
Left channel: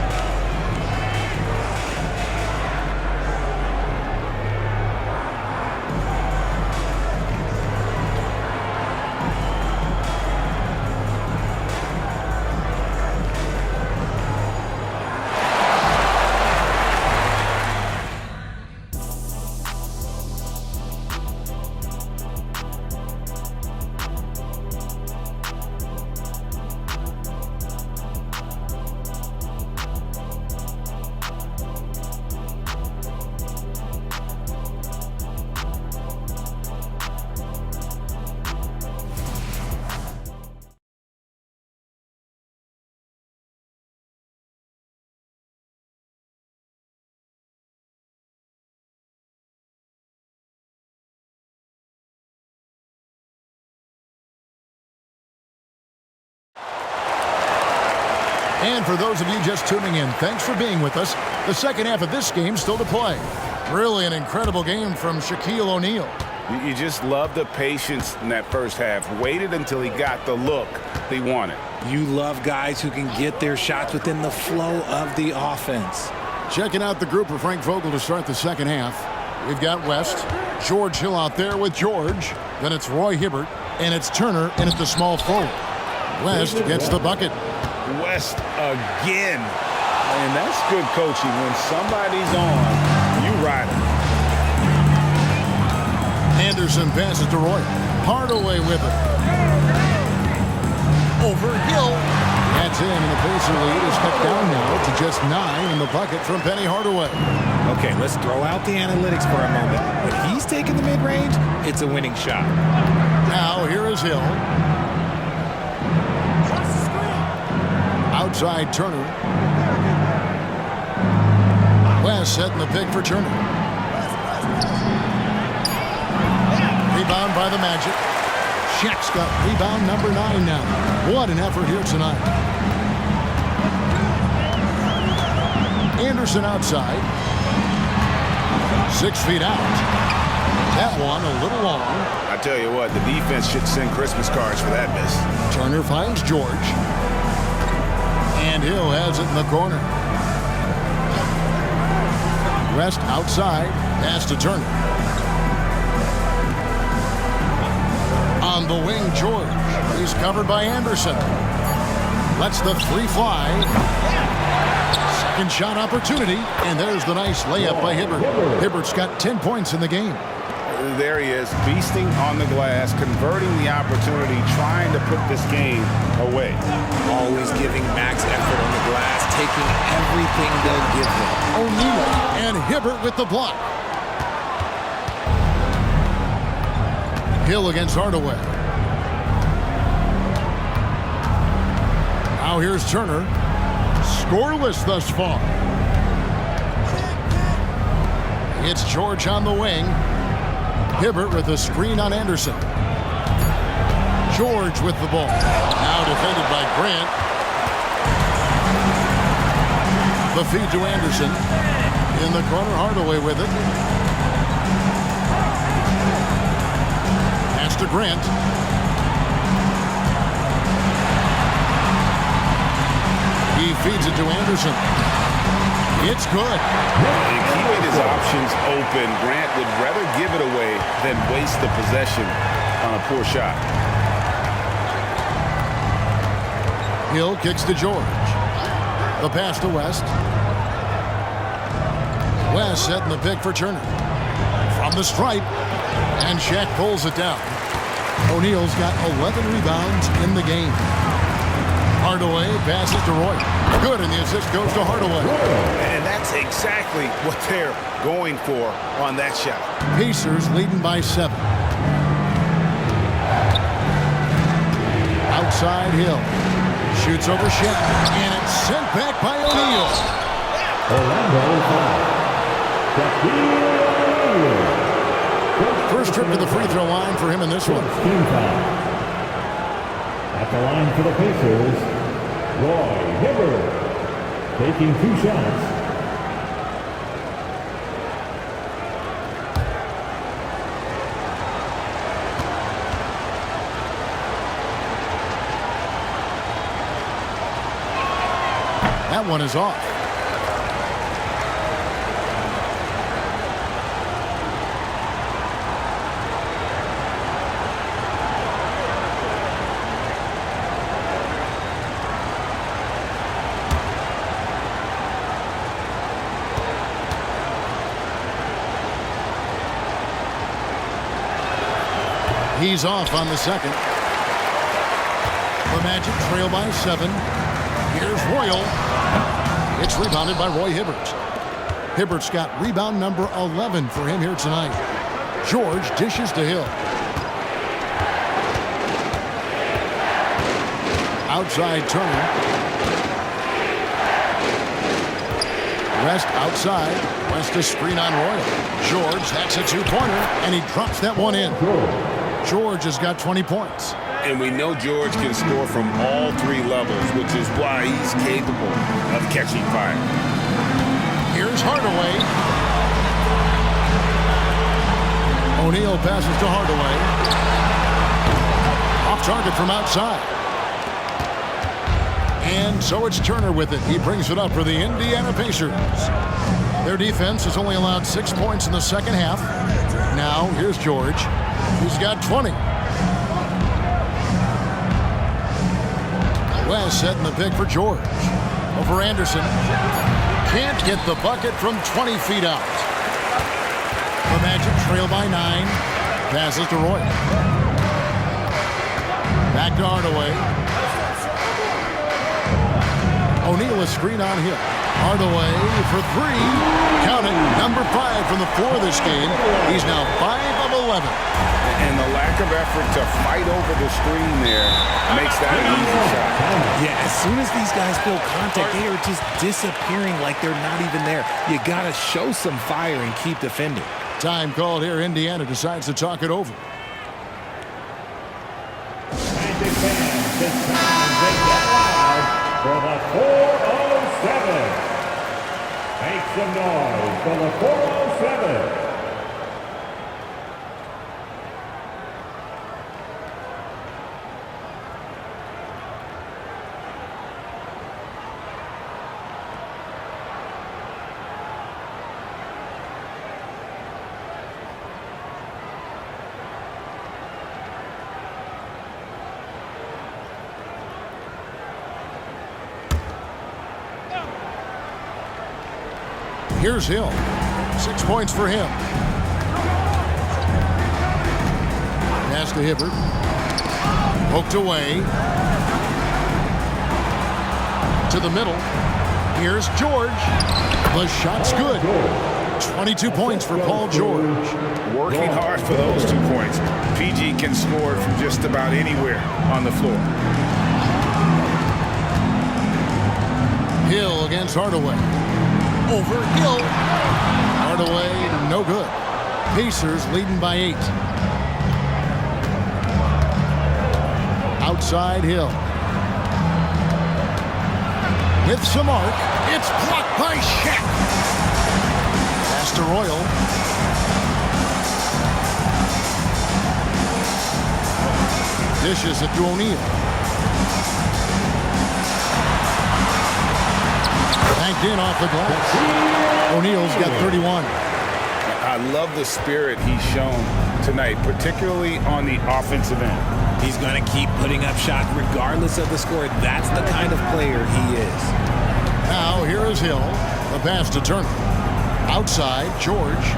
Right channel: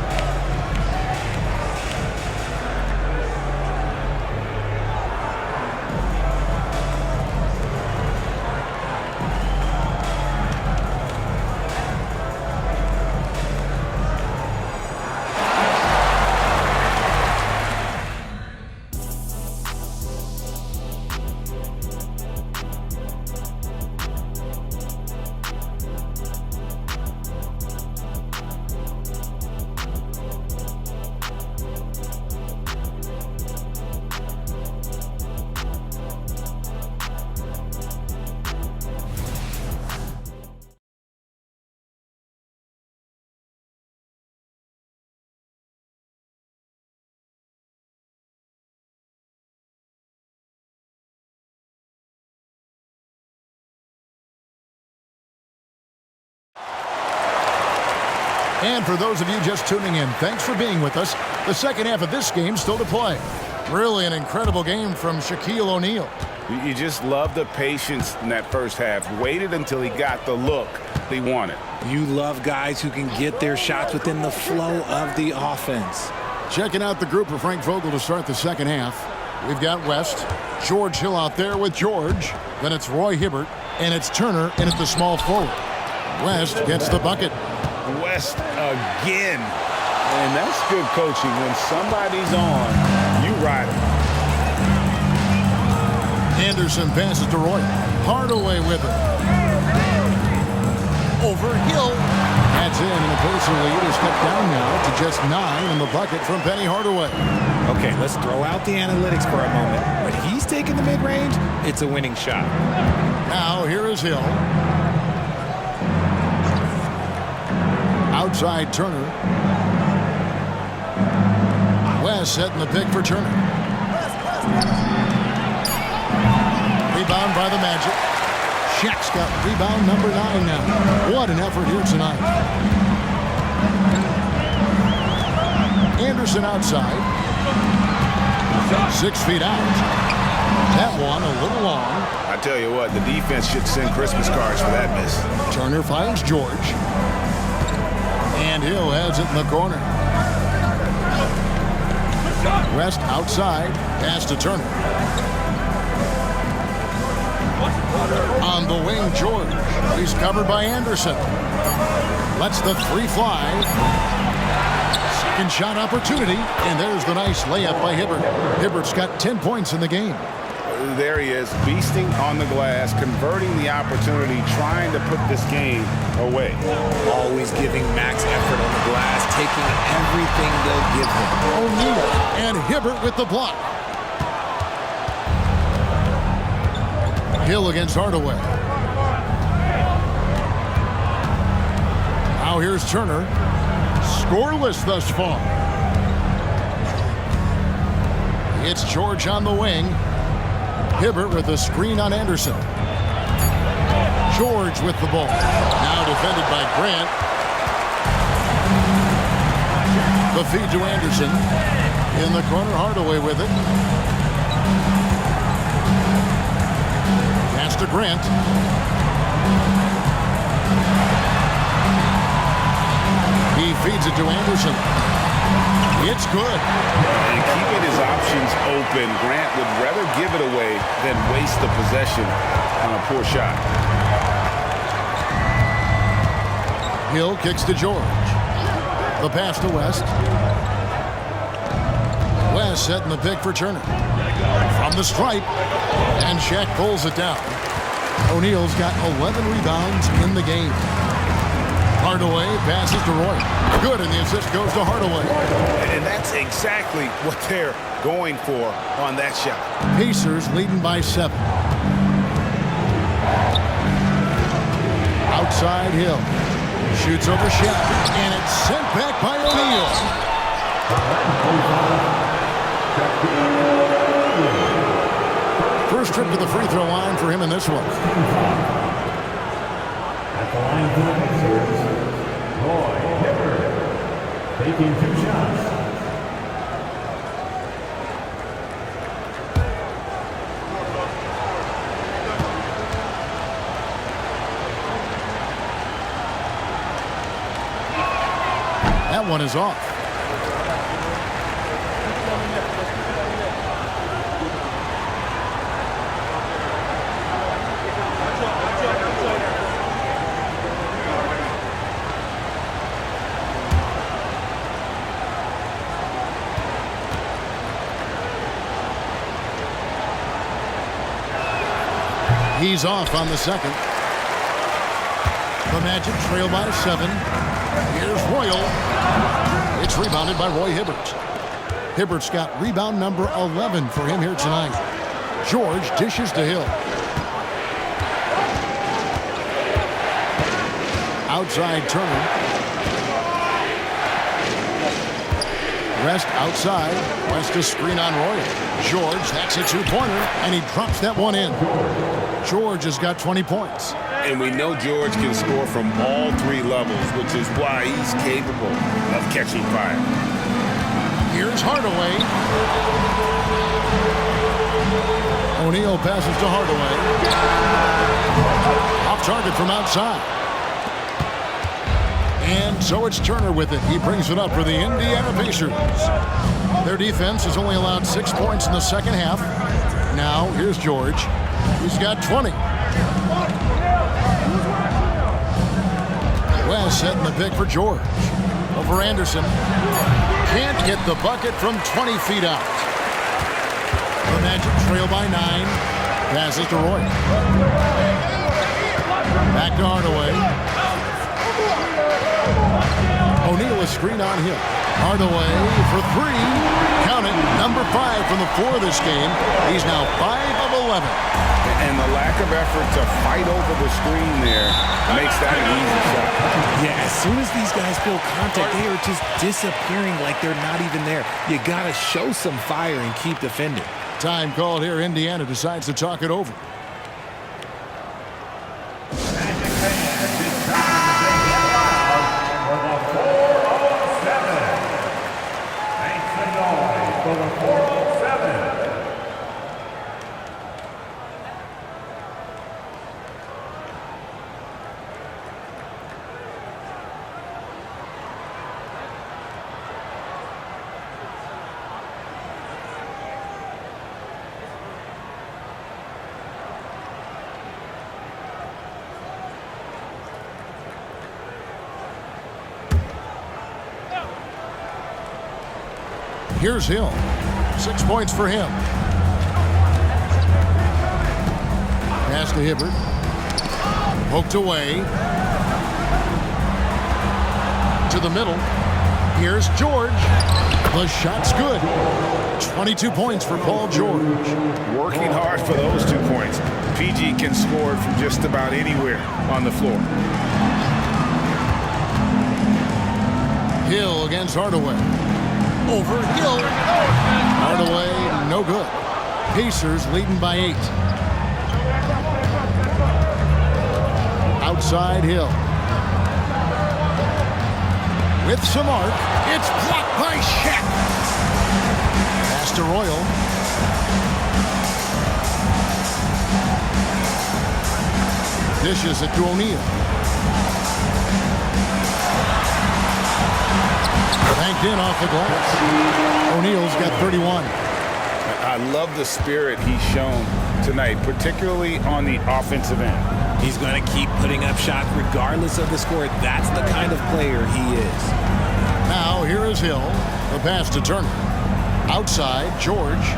And for those of you just tuning in, thanks for being with us. The second half of this game still to play. Really an incredible game from Shaquille O'Neal. You just love the patience in that first half. Waited until he got the look he wanted. You love guys who can get their shots within the flow of the offense. Checking out the group for Frank Vogel to start the second half. We've got West, George Hill out there with George. Then it's Roy Hibbert, and it's Turner in at the small forward. West gets the bucket. West again. And that's good coaching. When somebody's on, you ride it. Anderson passes to Roy. Hardaway with it. Over Hill. That's in, and the Pacer lead is cut down now to just 9 in the bucket from Penny Hardaway. Okay, let's throw out the analytics for a moment. When he's taking the mid-range, it's a winning shot. Now here is Hill. Outside Turner. West setting the pick for Turner. Rebound by the Magic. Shaq's got rebound number 9 now. What an effort here tonight. Anderson outside. 6 feet out. That one a little long. I tell you what, the defense should send Christmas cards for that miss. Turner finds George. And Hill has it in the corner. West outside. Pass to Turner. On the wing, George. He's covered by Anderson. Lets the 3 fly. Second shot opportunity. And there's the nice layup by Hibbert. Hibbert's got 10 points in the game. There he is, beasting on the glass, converting the opportunity, trying to put this game away. Always giving max effort on the glass, taking everything they'll give him. O'Neal and Hibbert with the block. Hill against Hardaway. Now here's Turner. Scoreless thus far. It's George on the wing. Hibbert with a screen on Anderson. George with the ball. Now defended by Grant. The feed to Anderson. In the corner, Hardaway with it. Pass to Grant. He feeds it to Anderson. It's good. And keeping his options open, Grant would rather give it away than waste the possession on a poor shot. Hill kicks to George. The pass to West. West setting the pick for Turner. From the stripe, and Shaq pulls it down. O'Neal's got 11 rebounds in the game. Hardaway passes to Roy. Good, and the assist goes to Hardaway. And that's exactly what they're going for on that shot. Pacers leading by 7. Outside Hill. Shoots over Shaq, and it's sent back by O'Neal. First trip to the free throw line for him in this one. At the line for the Pacers, Roy Hibbert, taking 2 shots. That one is off. He's off on the second. The Magic trail by 7. Here's Royal. It's rebounded by Roy Hibbert. Hibbert's got rebound number 11 for him here tonight. George dishes to Hill. Outside Turner. West outside. West a screen on Royal. George, that's a 2-pointer, and he drops that one in. George has got 20 points. And we know George can score from all 3 levels, which is why he's capable of catching fire. Here's Hardaway. O'Neal passes to Hardaway. Off target from outside. And so it's Turner with it. He brings it up for the Indiana Pacers. Their defense has only allowed 6 points in the second half. Now, here's George. He's got 20. West setting the pick for George. Over Anderson. Can't get the bucket from 20 feet out. The Magic trail by 9. Passes to Roy. Back to Hardaway. O'Neal a screen on Hill. Hardaway for 3. Count it. Number 5 from the floor this game. He's now 5 of 11. And the lack of effort to fight over the screen there makes that an easy shot. Yeah, as soon as these guys feel contact, they are just disappearing like they're not even there. You got to show some fire and keep defending. Time called here. Indiana decides to talk it over. Magic fans, it's time to get loud for the 407. Make some noise for the 407. Here's Hill. 6 points for him. Pass to Hibbert. Poked away. To the middle. Here's George. The shot's good. 22 points for Paul George. Working hard for those 2 points. PG can score from just about anywhere on the floor. Hill against Hardaway. Over Hill. Hardaway, no good. Pacers leading by 8. Outside Hill. With some arc. It's blocked by Shaq. Pass to Royal. Dishes it to O'Neal. Banked in off the glass. O'Neal's got 31. I love the spirit he's shown tonight, particularly on the offensive end. He's going to keep putting up shots regardless of the score. That's the kind of player he is. Now here is Hill. The pass to Turner. Outside, George.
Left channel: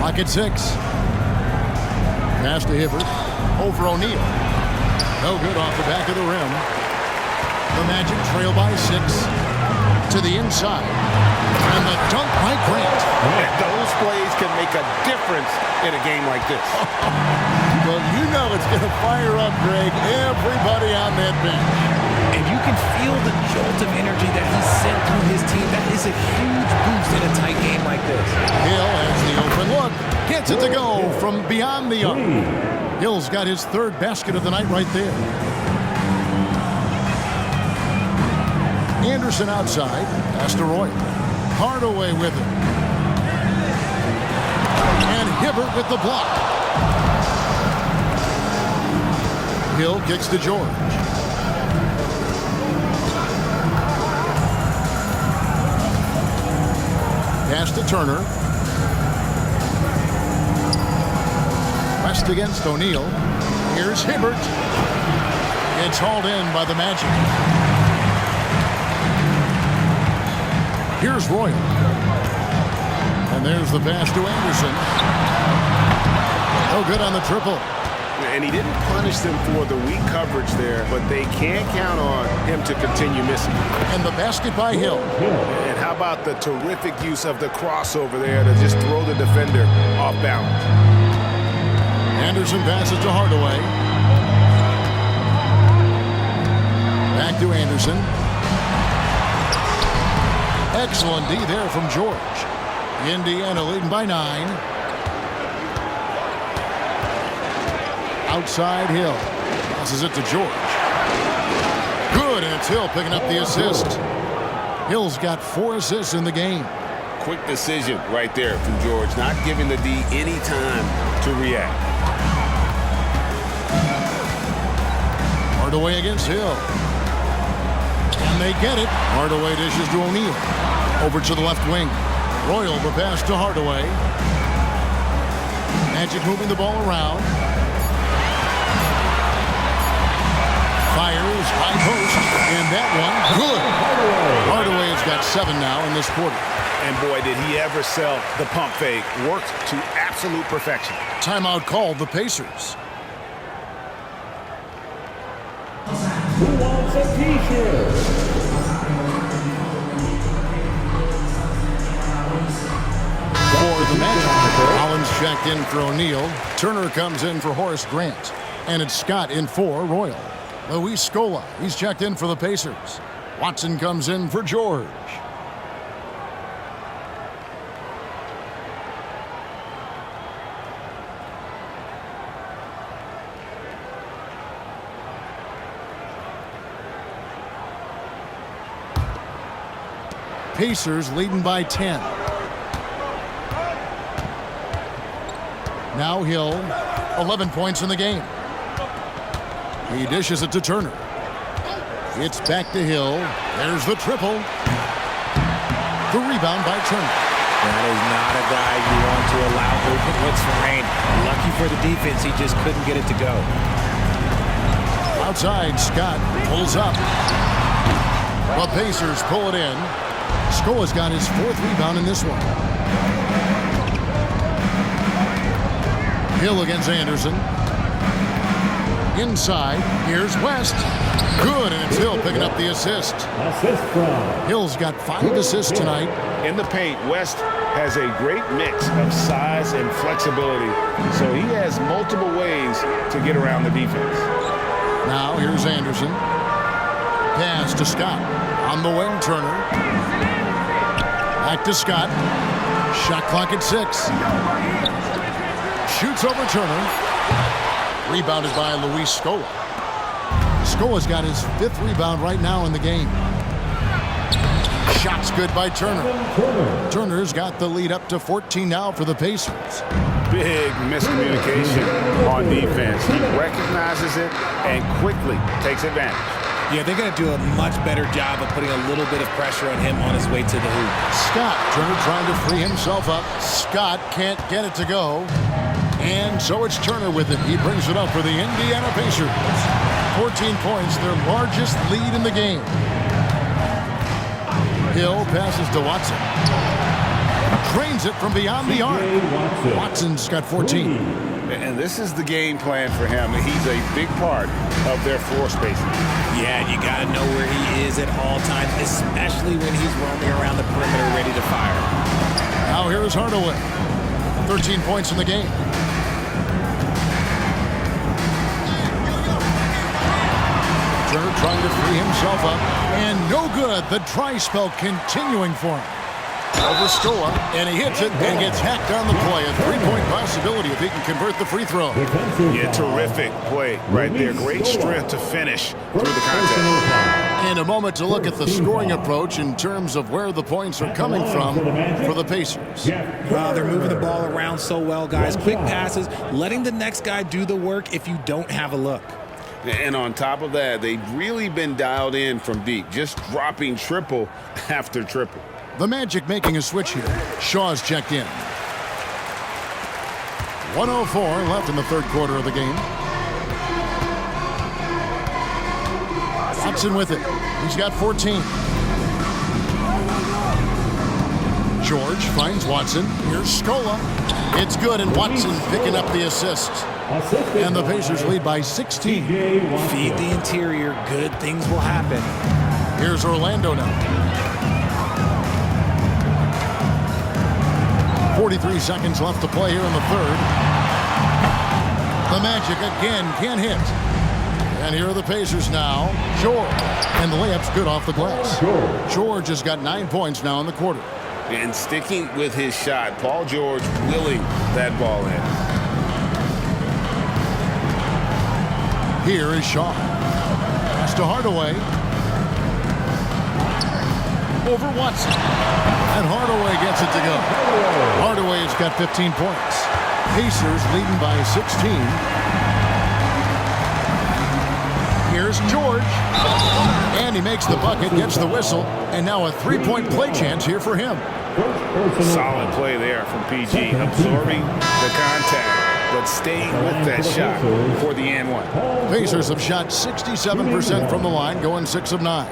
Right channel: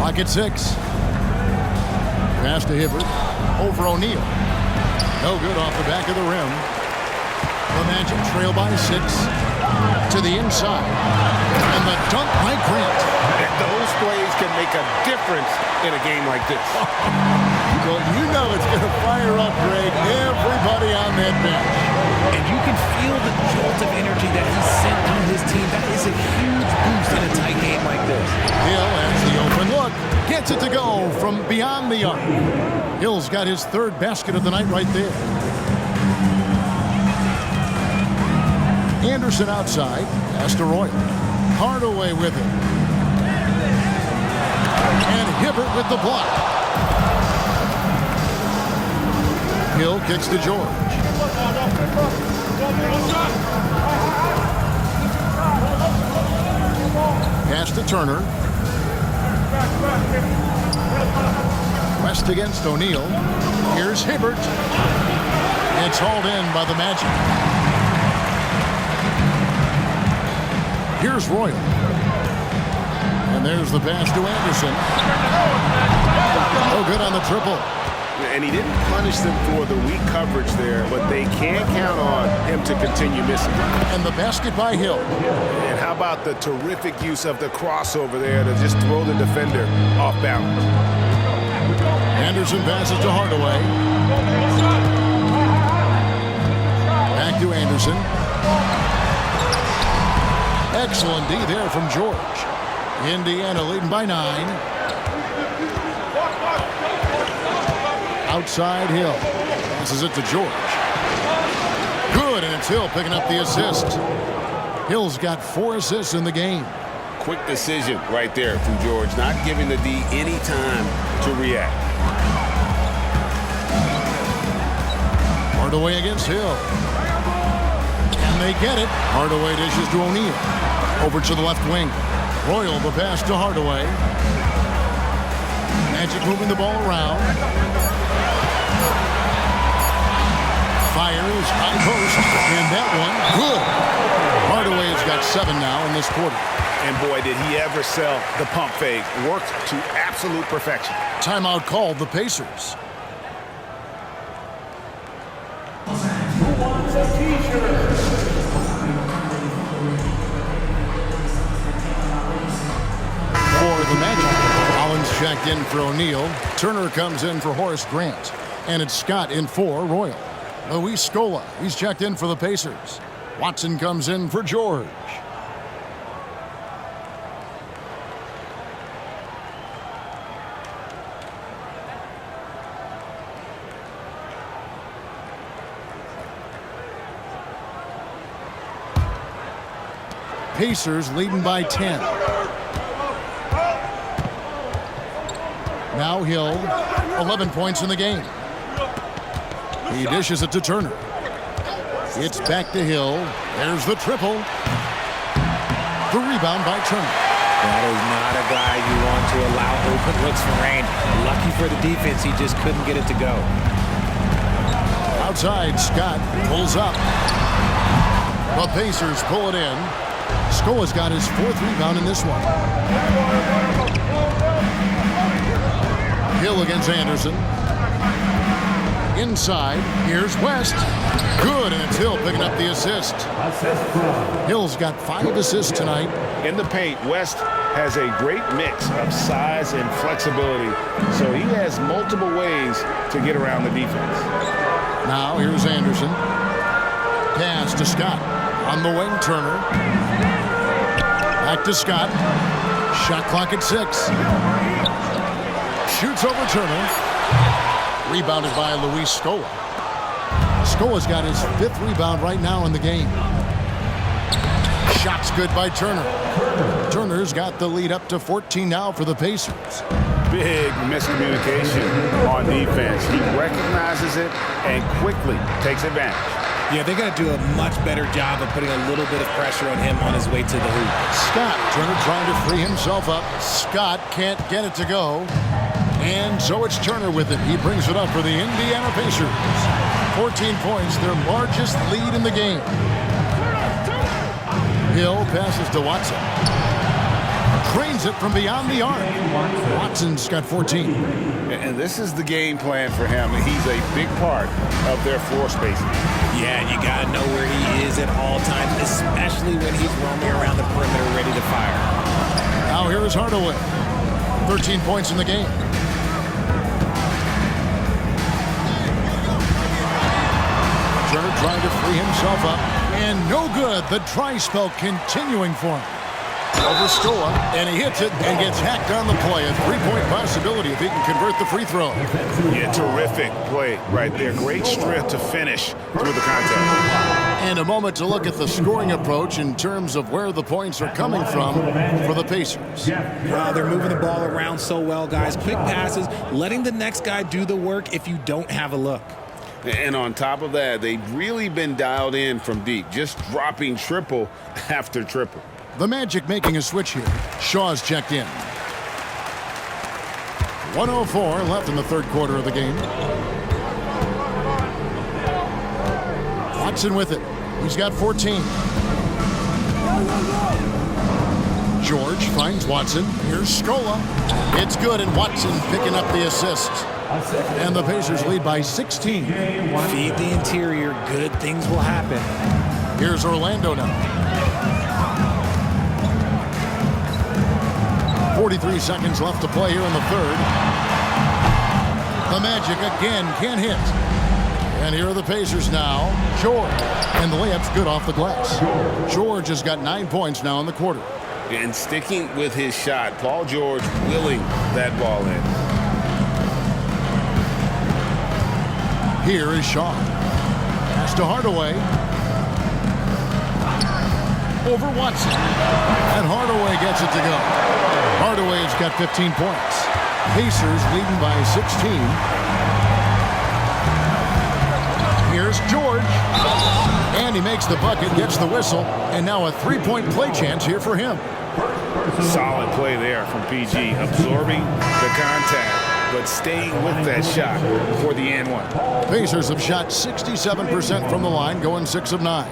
Clock at 6. Pass to Hibbert. Over O'Neal. No good off the back of the rim. The Magic trail by 6. To the inside. And the dunk by Grant. Those plays can make a difference in a game like this. Well, you know it's going to fire up, Greg, everybody on that bench. And you can feel the jolt of energy that he sent through his team. That is a huge boost in a tight game like this. Hill has the open look. Gets it to go from beyond the arc. Hill's got his 3rd basket of the night right there. Anderson outside. Pass to Royal. Hardaway with it. And Hibbert with the block. Hill kicks to George. Pass to Turner. West against O'Neal. Here's Hibbert. It's hauled in by the Magic. Here's Royal. And there's the pass to Anderson. No good on the triple. And he didn't punish them for the weak coverage there, but they can't count on him to continue missing. And the basket by Hill. And how about the terrific use of the crossover there to just throw the defender off balance. Anderson passes to Hardaway. Back to Anderson. Excellent D there from George. Indiana leading by 9. Outside Hill. Passes it to George. Good, and it's Hill picking up the assist. Hill's got 4 assists in the game. Quick decision right there from George, not giving the D any time to react. Hardaway against Hill. And they get it. Hardaway dishes to O'Neal. Over to the left wing. Royal the pass to Hardaway. Magic moving the ball around. Fires, high post, and that one, good. Hardaway has got 7 now in this quarter. And boy, did he ever sell the pump fake. Worked to absolute perfection. Timeout called the Pacers. Who wants a T-shirt? For the Magic, Collins checked in for O'Neal. Turner comes in for Horace Grant. And it's Scott in for Royal. Luis Scola, he's checked in for the Pacers. Watson comes in for George. Pacers leading by 10. Now Hill, 11 points in the game. He dishes it to Turner. It's back to Hill. There's the triple. The rebound by Turner. That is not a guy you want to allow open looks for range. Lucky for the defense, he just couldn't get it to go. Outside, Scott pulls up. The Pacers pull it in. Scola's got his 4th rebound in this one. Hill against Anderson. Inside, here's West. Good, and it's Hill picking up the assist. Assist from Hill's got 5 assists tonight. In the paint, West has a great mix of size and flexibility, so he has multiple ways to get around the defense. Now here's Anderson. Pass to Scott. On the wing, Turner. Back to Scott. Shot clock at 6. Shoots over Turner. Rebounded by Luis Scola. Scola's got his 5th rebound right now in the game. Shot's good by Turner. Turner's got the lead up to 14 now for the Pacers. Big miscommunication on defense. He recognizes it and quickly takes advantage. Yeah, they're going to do a much better job of putting a little bit of pressure on him on his way to the hoop. Scott, Turner trying to free himself up. Scott can't get it to go. And so it's Turner with it. He brings it up for the Indiana Pacers. 14 points, their largest lead in the game. Hill passes to Watson. drains it from beyond the arc. Watson's got 14. And this is the game plan for him. He's a big part of their floor spacing. Yeah, you got to know where he is at all times, especially when he's roaming around the perimeter ready to fire. Now here is Hardaway. 13 points in the game. Turner trying to free himself up. And no good. The dry spell continuing for him. Over Scola, and he hits it and gets hacked on the play. A three-point possibility if he can convert the free throw. Yeah, terrific play right there. Great strength to finish through the contest. And a moment to look at the scoring approach in terms of where the points are coming from for the Pacers. Wow, they're moving the ball around so well, guys. Quick passes, letting the next guy do the work if you don't have a look. And on top of that, they've really been dialed in from deep, just dropping triple after triple. The Magic making a switch here. Shaw's checked in. 1:04 left in the third quarter of the game. Watson with it. He's got 14. George finds Watson. Here's Scola. It's good, and Watson picking up the assist. And the Pacers lead by 16. Feed the interior. Good things will happen. Here's Orlando now. 43 seconds left to play here in the third. The Magic again can't hit. And here are the Pacers now. George. And the layup's good off the glass. George has got 9 points now in the quarter. And sticking with his shot, Paul George willing that ball in. Here is Shaw. Pass to Hardaway. Over Watson. And Hardaway gets it to go. Hardaway has got 15 points. Pacers leading by 16. Here's George. And he makes the bucket, gets the whistle, and now a three-point play chance here for him. Solid play there from PG, absorbing the contact, but staying with that shot for the and one. Pacers have shot 67% from the line, going 6 of 9.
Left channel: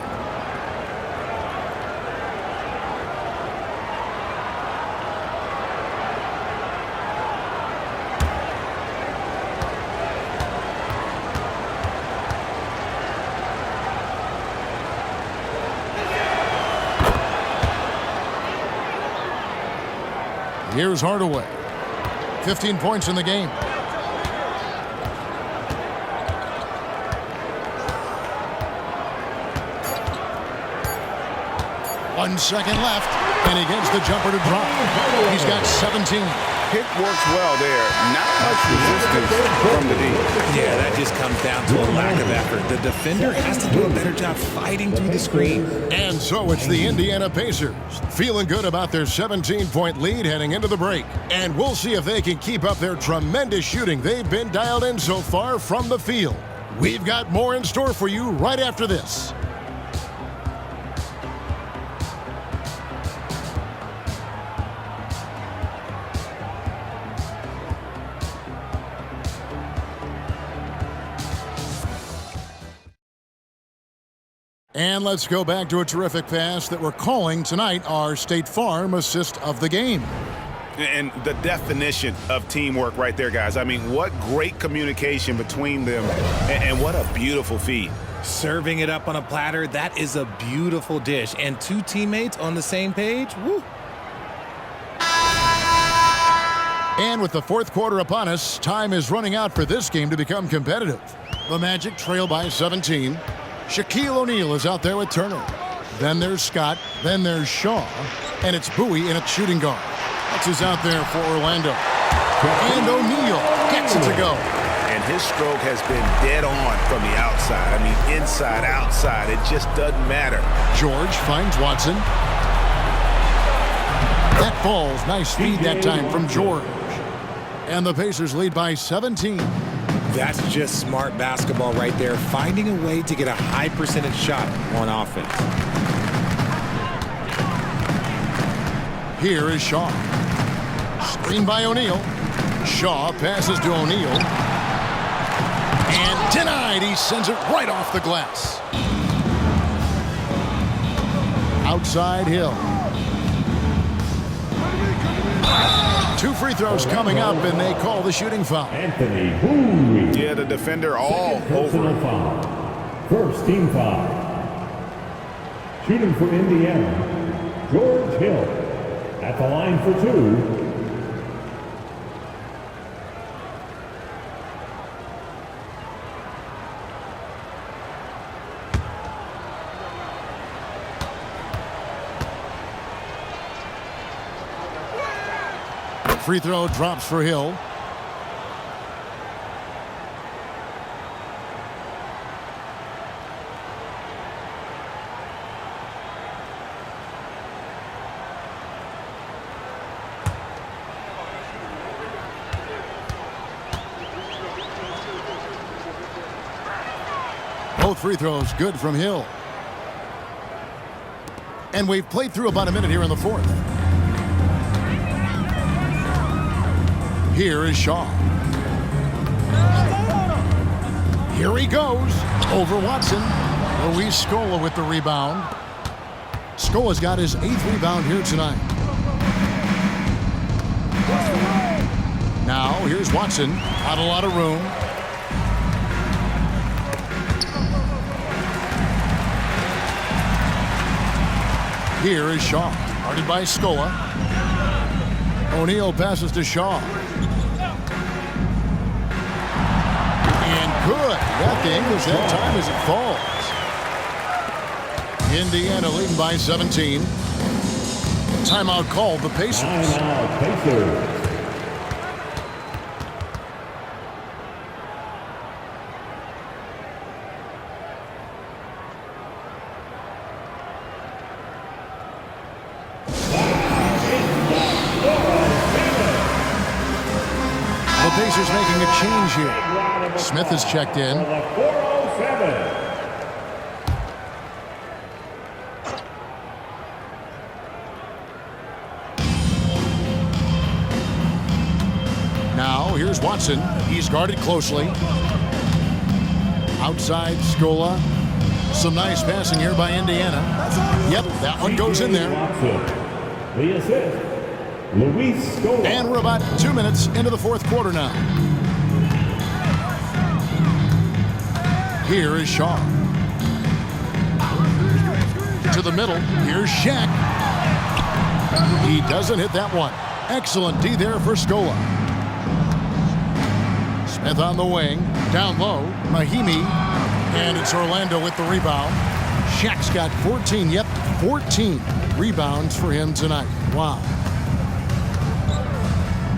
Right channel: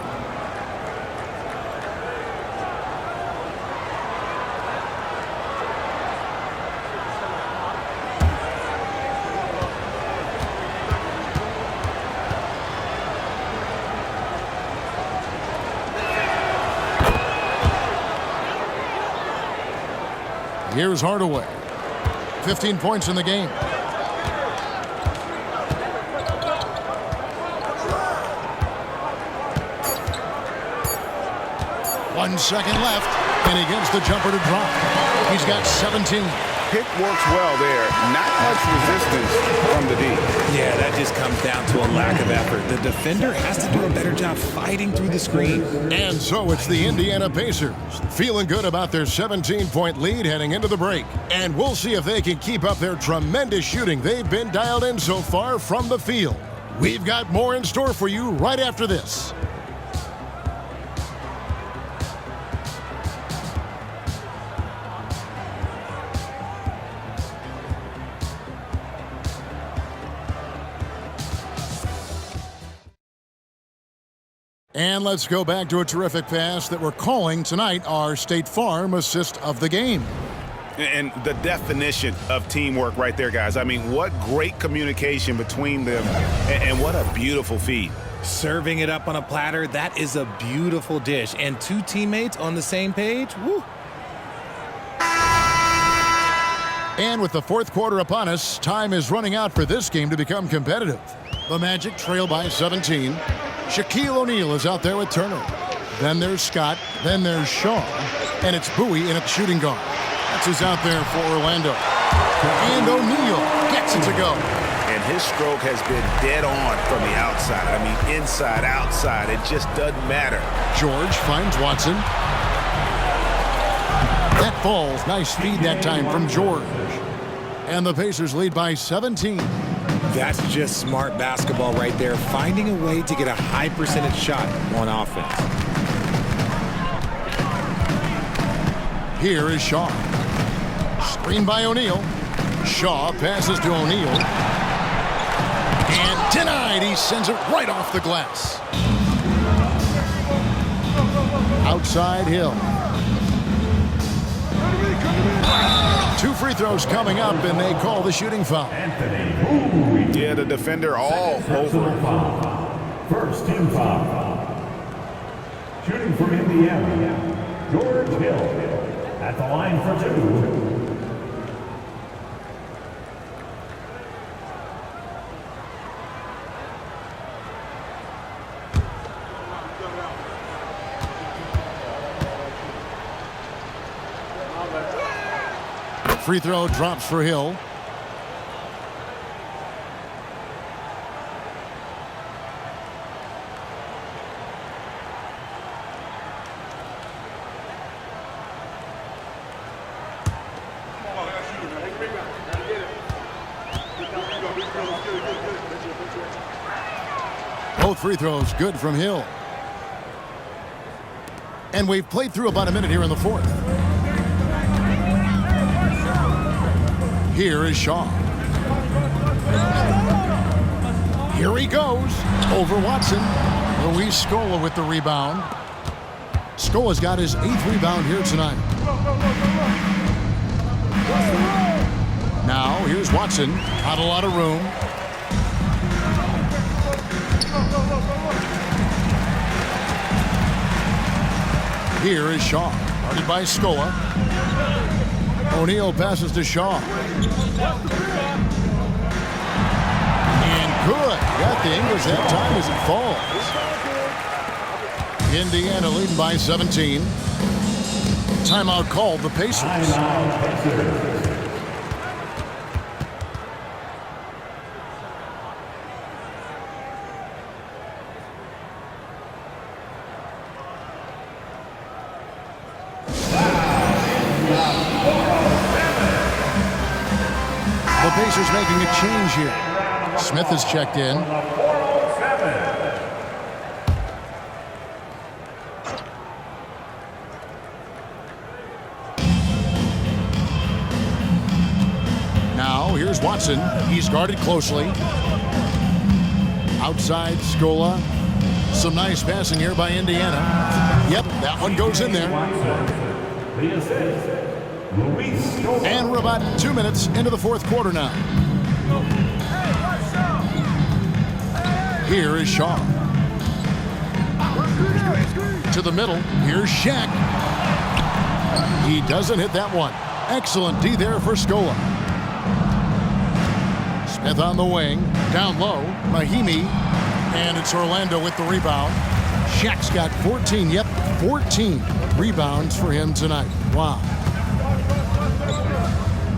Here's Hardaway. 15 points in the game. One second left, and he gets the jumper to drop. He's got 17. Pick works well there. Not much resistance from the D. Yeah, that just comes down to a lack of effort. The defender has to do a better job fighting through the screen. And so it's the Indiana Pacers, feeling good about their 17-point lead heading into the break. And we'll see if they can keep up their tremendous shooting they've been dialed in so far from the field. We've got more in store for you right after this. And let's go back to a terrific pass that we're calling tonight our State Farm assist of the game. And the definition of teamwork right there, guys. I mean, what great communication between them, and what a beautiful feed. Serving it up on a platter, that is a beautiful dish. And two teammates on the same page, woo. And with the fourth quarter upon us, time is running out for this game to become competitive. The Magic trail by 17. Shaquille O'Neal is out there with Turner. Then there's Scott. Then there's Shaw. And it's Bowie in at shooting guard. That's who's out there for Orlando. And O'Neal gets it to go. And his stroke has been dead on from the outside. I mean, inside, outside. It just doesn't matter. George finds Watson. That falls. Nice feed that time from George. And the Pacers lead by 17. That's just smart basketball right there, finding a way to get a high percentage shot on offense. Here is Shaw. Screen by O'Neal. Shaw passes to O'Neal. And denied. He sends it right off the glass. Outside Hill. free throws coming up, and they call the shooting foul. Anthony Bowie. Yeah, the defender all over him. Foul. First team foul. Shooting for Indiana, George Hill. At the line for 2. Free throw drops for Hill. Both free throws good from Hill. And we've played through about a minute here in the fourth. Here is Shaw. Here he goes. Over Watson. Luis Scola with the rebound. Scola's got his 8th rebound here tonight. Now, here's Watson. Not a lot of room. Here is Shaw. Guarded by Scola. O'Neal passes to Shaw. And good. Got the English that time as it falls. Indiana leading by 17. Timeout called the Pacers. Timeout Pacers. The Pacers making a change here. Smith has checked in. For the 407. Now, here's Watson. He's guarded closely. Outside, Scola. Some nice passing here by Indiana. Yep, that one goes in there. The assist, Luis Scola. And we're about 2 minutes into the fourth quarter now. Here is Shaw. To the middle. Here's Shaq. He doesn't hit that one. Excellent D there for Scola. Smith on the wing. Down low. Mahimi. And it's Orlando with the rebound. Shaq's got 14. Yep, 14 rebounds for him tonight. Wow.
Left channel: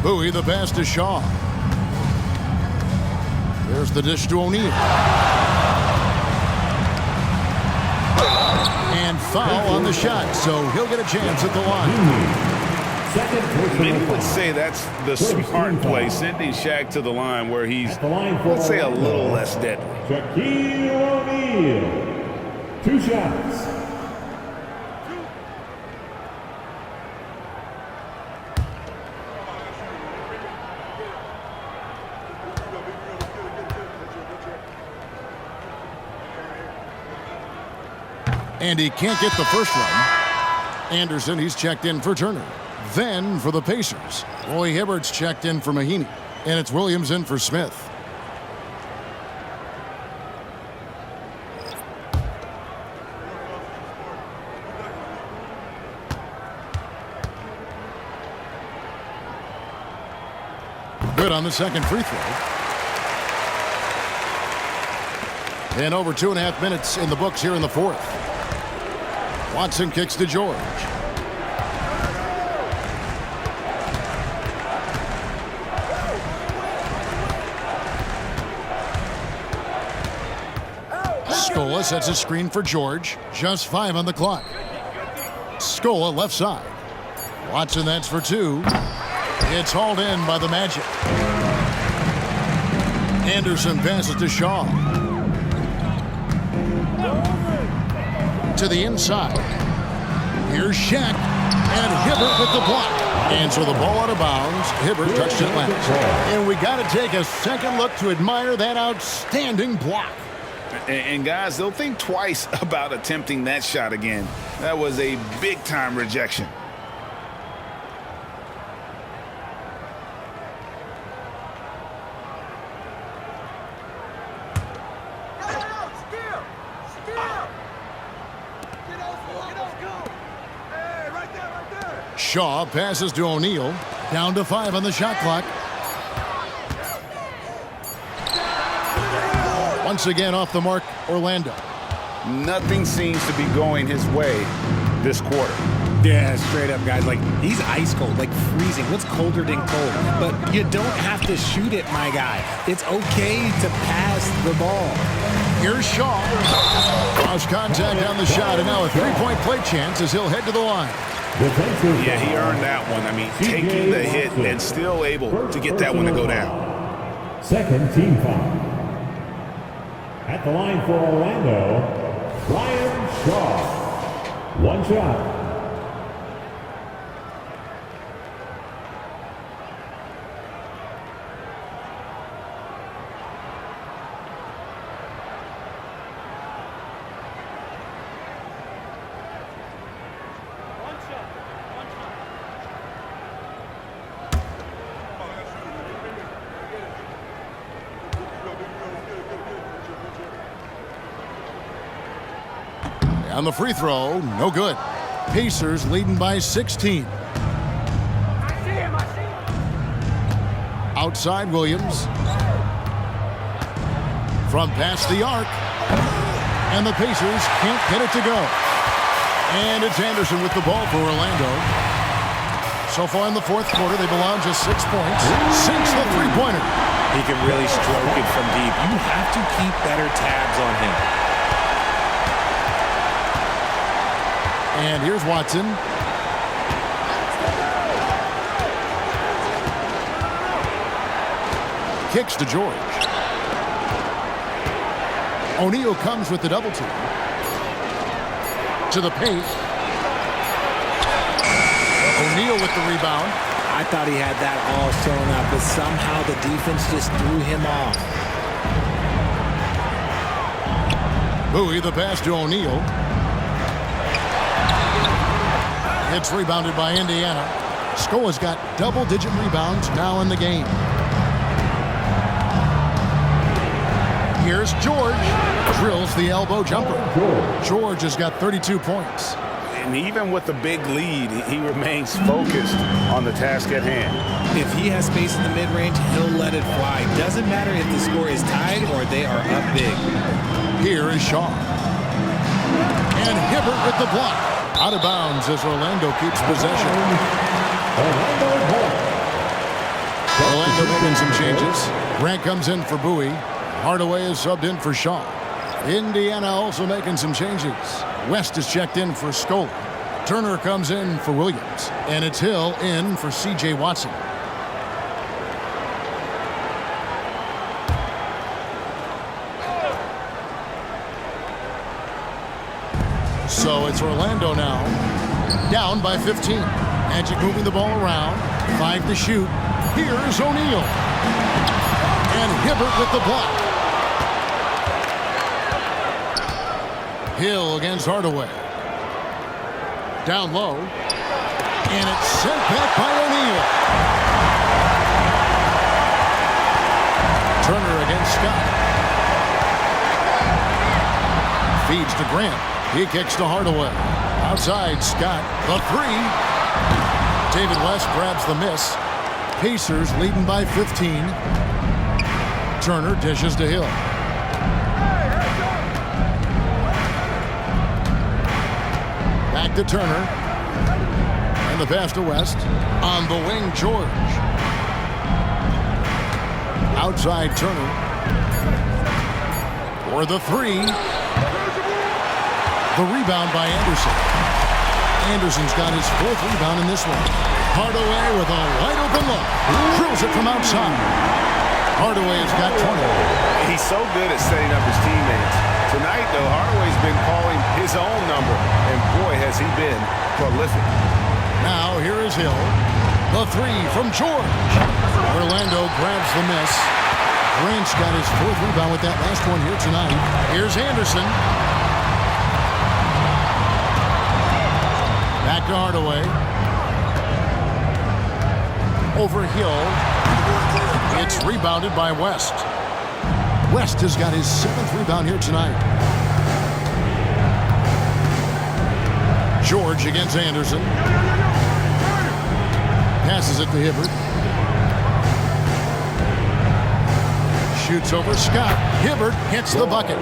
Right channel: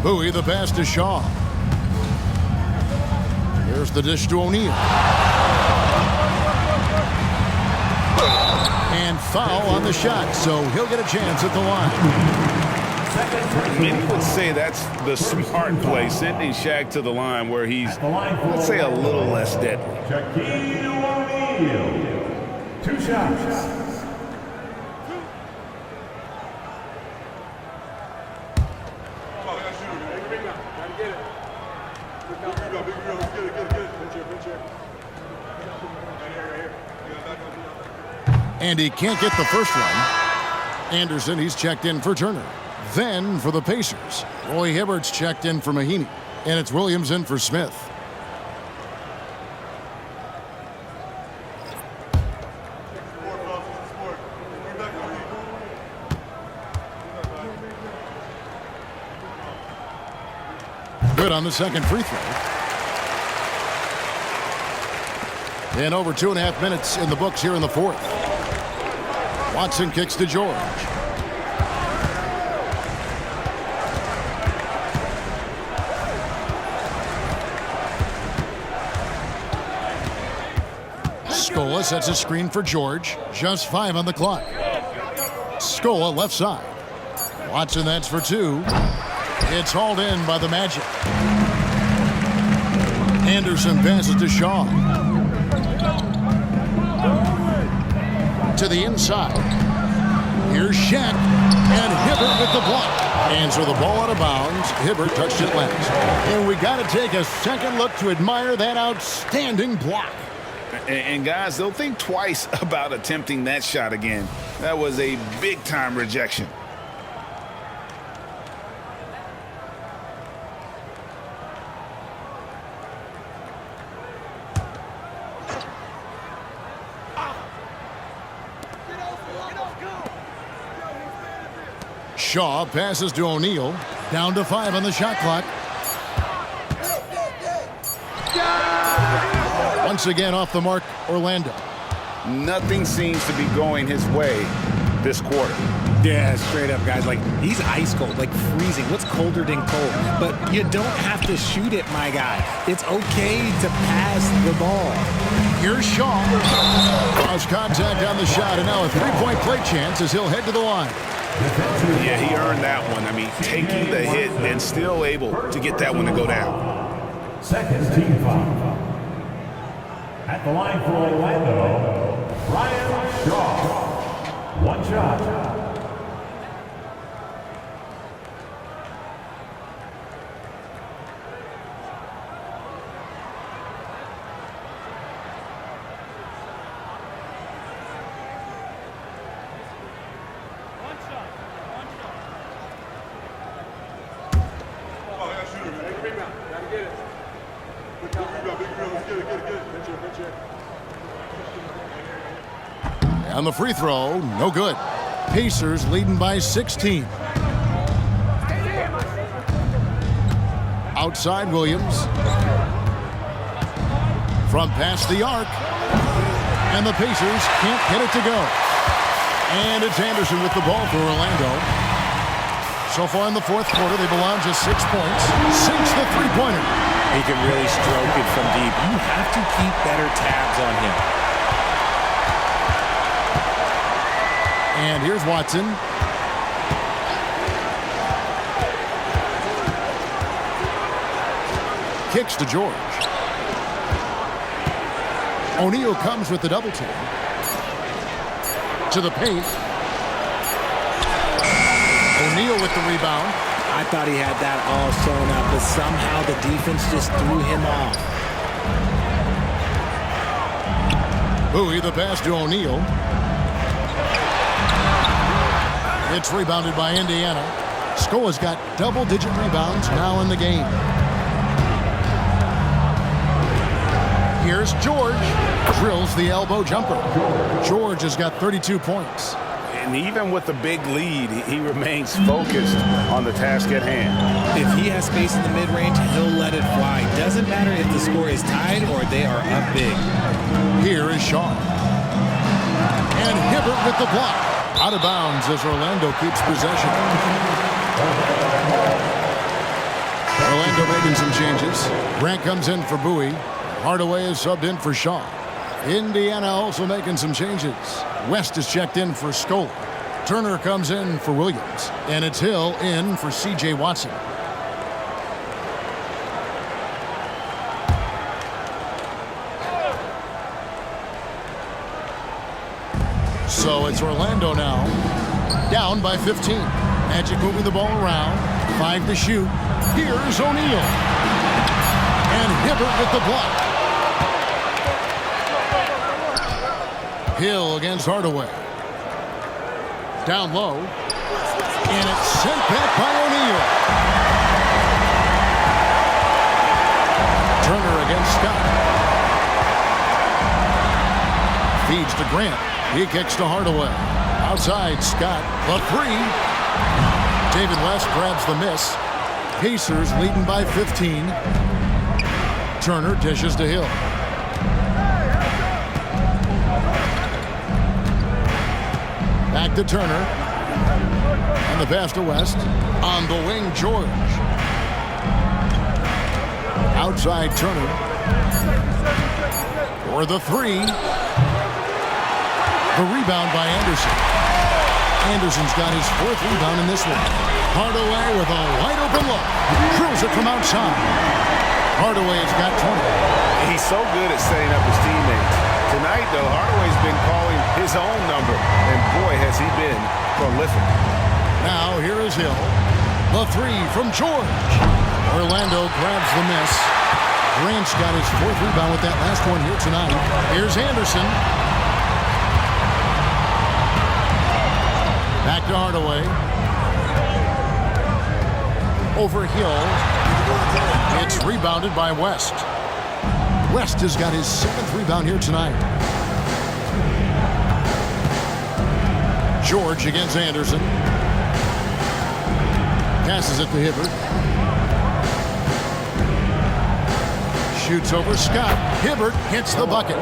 Bowie the pass to Shaw. There's the dish to O'Neal. And foul on the shot, so he'll get a chance at the line. Many would say that's the smart play, sending Shaq to the line where he's, let's say, a little less deadly. Shaquille O'Neal. 2 shots. And he can't get the first one. Anderson, he's checked in for Turner. Then for the Pacers, Roy Hibbert's checked in for Mahinmi. And it's Williams in for Smith. Good on the second free throw. And over 2.5 minutes in the books here in the fourth. Watson kicks to George. Scola sets a screen for George. Just 5 on the clock. Scola left side. Watson, that's for 2. It's hauled in by the Magic. Anderson passes to Shaw. To the inside. Here's Shaq. And Hibbert with the block. And so the ball out of bounds. Hibbert touched it last. And we got to take a second look to admire that outstanding block. And guys, they'll think twice about attempting that shot again. That was a big-time rejection. Shaw passes to O'Neal. Down to 5 on the shot clock. Once again off the mark, Orlando. Nothing seems to be going his way this quarter. Yeah, straight up, guys. Like, he's ice cold, like freezing. What's colder than cold? But you don't have to shoot it, my guy. It's okay to pass the ball. Here's Shaw. Draws contact on the shot, and now a three-point play chance as he'll head to the line. Yeah, he earned that one. I mean, taking the hit and still able to get that one to go down. Second team foul. At the line for Orlando, Brian Shaw. One shot. On the free throw, no good. Pacers leading by 16. Outside Williams. From past the arc. And the Pacers can't get it to go. And it's Anderson with the ball for Orlando. So far in the fourth quarter, they've allowed just 6 points. Sinks the three-pointer. He can really stroke it from deep. You have to keep better tabs on him. And here's Watson. Kicks to George. O'Neal comes with the double team. To the paint. O'Neal with the rebound. I thought he had that all sewn up, but somehow the defense just threw him off. Bowie the pass to O'Neal. It's rebounded by Indiana. Scola's got double-digit rebounds now in the game. Here's George. Drills the elbow jumper. George has got 32 points. And even with the big lead, he remains focused on the task at hand. If he has space in the mid-range, he'll let it fly. Doesn't matter if the score is tied or they are up big. Here is Shaw. And Hibbert with the block. Out of bounds as Orlando keeps possession. Orlando making some changes. Grant comes in for Bowie. Hardaway is subbed in for Shaw. Indiana also making some changes. West is checked in for Scola. Turner comes in for Williams. And it's Hill in for C.J. Watson. So it's Orlando now, down by 15. Magic moving the ball around, 5 to shoot. Here's O'Neal. And Hibbert with the block. Hill against Hardaway. Down low. And it's sent back by O'Neal. Turner against Scott. Feeds to Grant. He kicks to Hardaway. Outside, Scott, the three. David West grabs the miss. Pacers leading by 15. Turner dishes to Hill. Back to Turner. And the pass to West. On the wing, George. Outside, Turner. For the three. The rebound by Anderson. Anderson's got his 4th rebound in this one. Hardaway with a wide open look. Drills it from outside. Hardaway has got 20. He's so good at setting up his teammates. Tonight, though, Hardaway's been calling his own number, and boy, has he been prolific. Now, here is Hill. The three from George. Orlando grabs the miss. Grant's got his 4th rebound with that last one here tonight. Here's Anderson. Back to Hardaway. Over Hill. It's rebounded by West. West has got his 7th rebound here tonight. George against Anderson. Passes it to Hibbert. Shoots over Scott. Hibbert hits the bucket.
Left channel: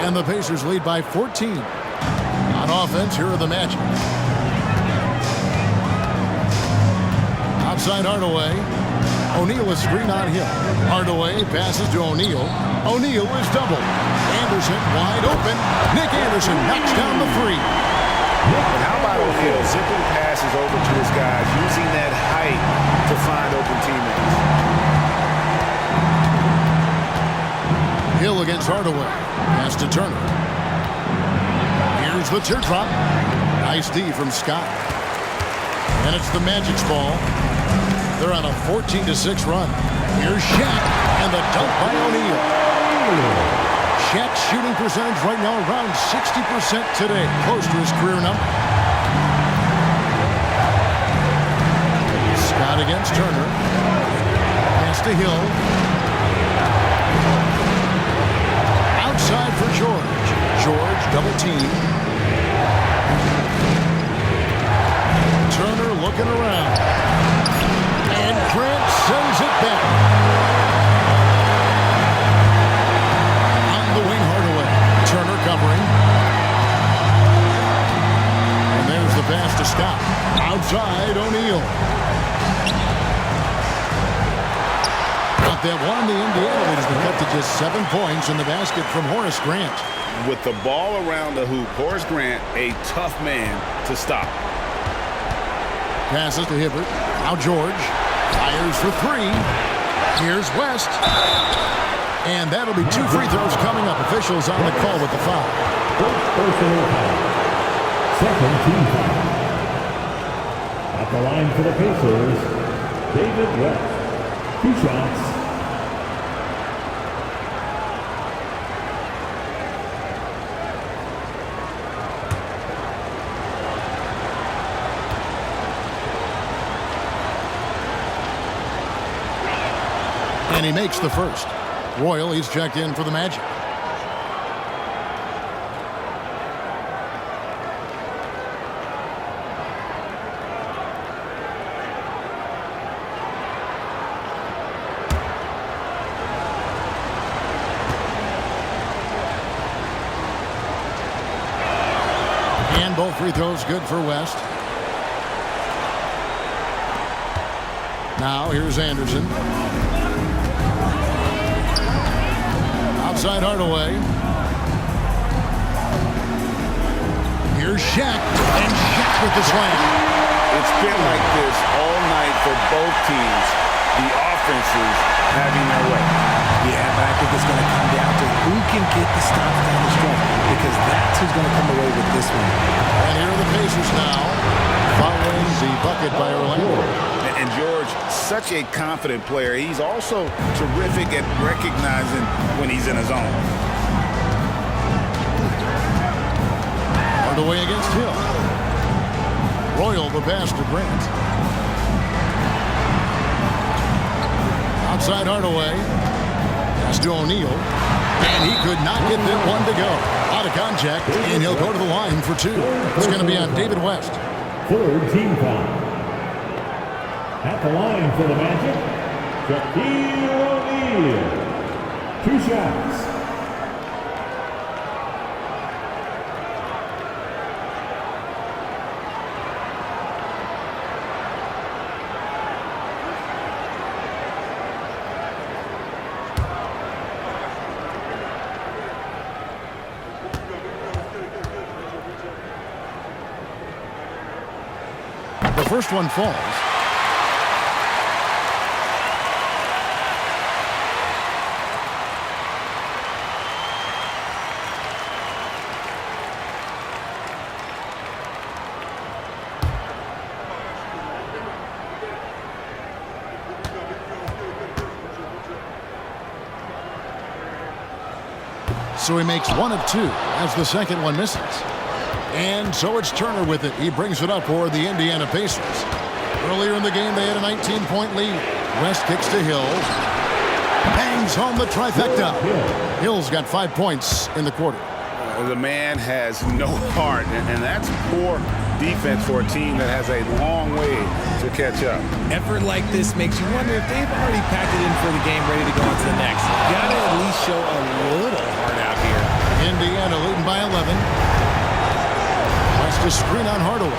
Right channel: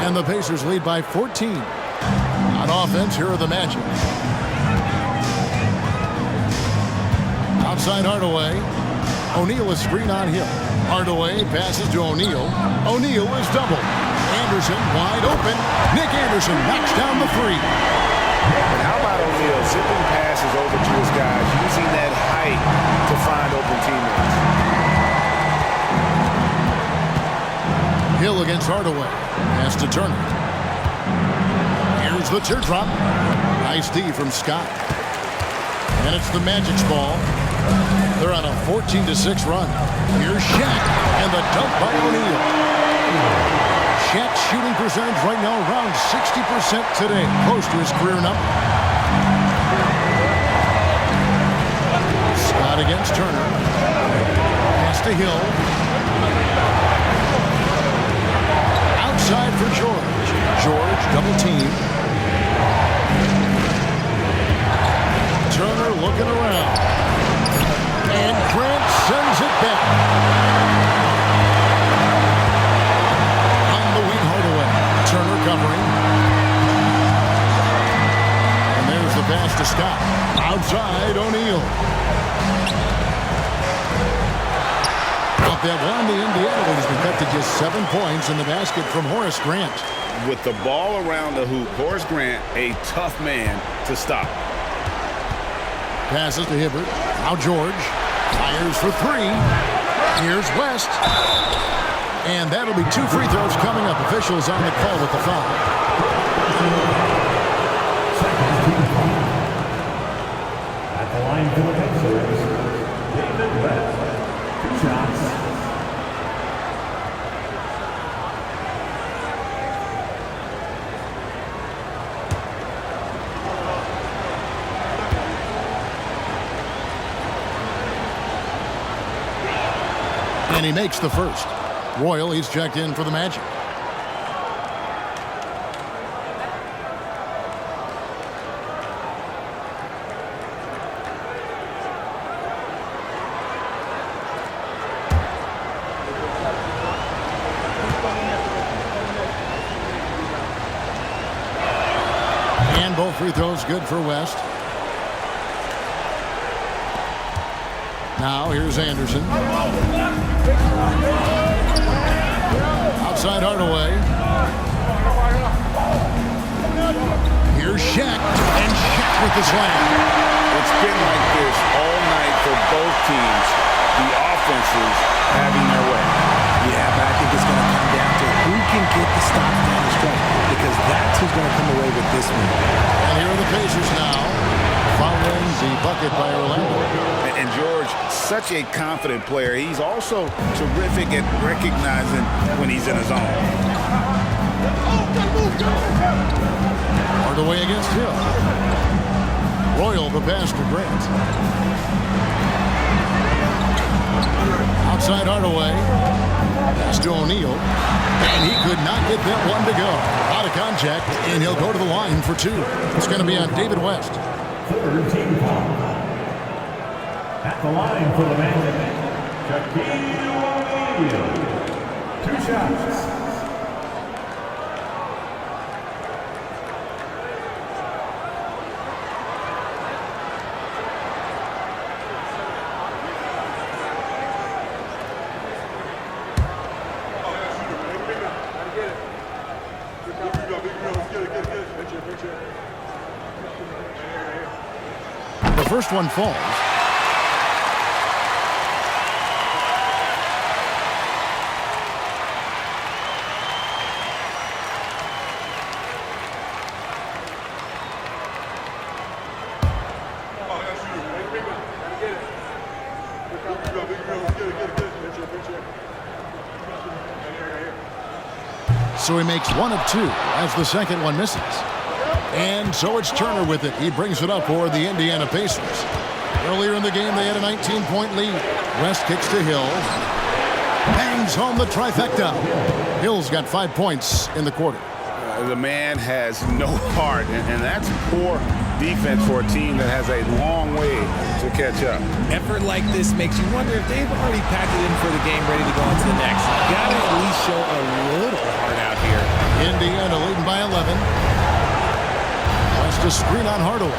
And the Pacers lead by 14. On offense, here are the Magic. Outside Hardaway. O'Neal is screen on Hill. Hardaway passes to O'Neal. O'Neal is doubled. Anderson wide open. Nick Anderson knocks down the three. And how about O'Neal zipping passes over to his guys, using that height to find open teammates. Hill against Hardaway. Pass to Turner. Here's the teardrop. Nice D from Scott. And it's the Magic's ball. They're on a 14-6 run. Here's Shaq, and the dunk by O'Neal. Shaq's shooting percentage right now around 60% today, close to his career number. Scott against Turner. Pass to Hill. Outside for George. George double team. Turner looking around. And Grant sends it back. On the wing, Hardaway. Turner covering. And there's the pass to Scott. Outside, O'Neal. Out that one, the Indiana lead has been cut to just 7 points in the basket from Horace Grant. With the ball around the hoop, Horace Grant, a tough man to stop. Passes to Hibbert. Now George. Fires for three. Here's West. And that'll be 2 free throws coming up. Officials on the call with the foul. Second team foul. At the line for the Pacers, David West. 2 shots. And he makes the first. Royal, he's checked in for the Magic. And both free throws good for West. Now here's Anderson. Outside Hardaway. Here's Shaq. And Shaq with the slam. It's been like this all night for both teams. The offenses having their way. Yeah, but I think it's going to come down to who can get the stops down the stretch, because that's who's going to come away with this one. And here are the Pacers now, following the bucket by Orlando. And George, such a confident player. He's also terrific at recognizing when he's in a zone. Hardaway against Hill. Royal, the pass to Grant. Outside Hardaway. Pass to O'Neal. And he could not get that one to go. Out of contact, and he'll go to the line for 2. It's going to be on David West. Third team foul. At the line for the Magic, Shaquille O'Neal. 2 shots. The first one falls. So he makes 1 of 2 as the second one misses. And so it's Turner with it. He brings it up for the Indiana Pacers. Earlier in the game, they had a 19-point lead. West kicks to Hill. Bangs home the trifecta. Hill's got 5 points in the quarter. The man has no heart, and that's poor defense for a team that has a long way to catch up. Effort like this makes you wonder if they've already packed it in for the game, ready to go on to the next. Gotta at least show a little heart out here. Indiana leading by 11. West to screen on Hardaway.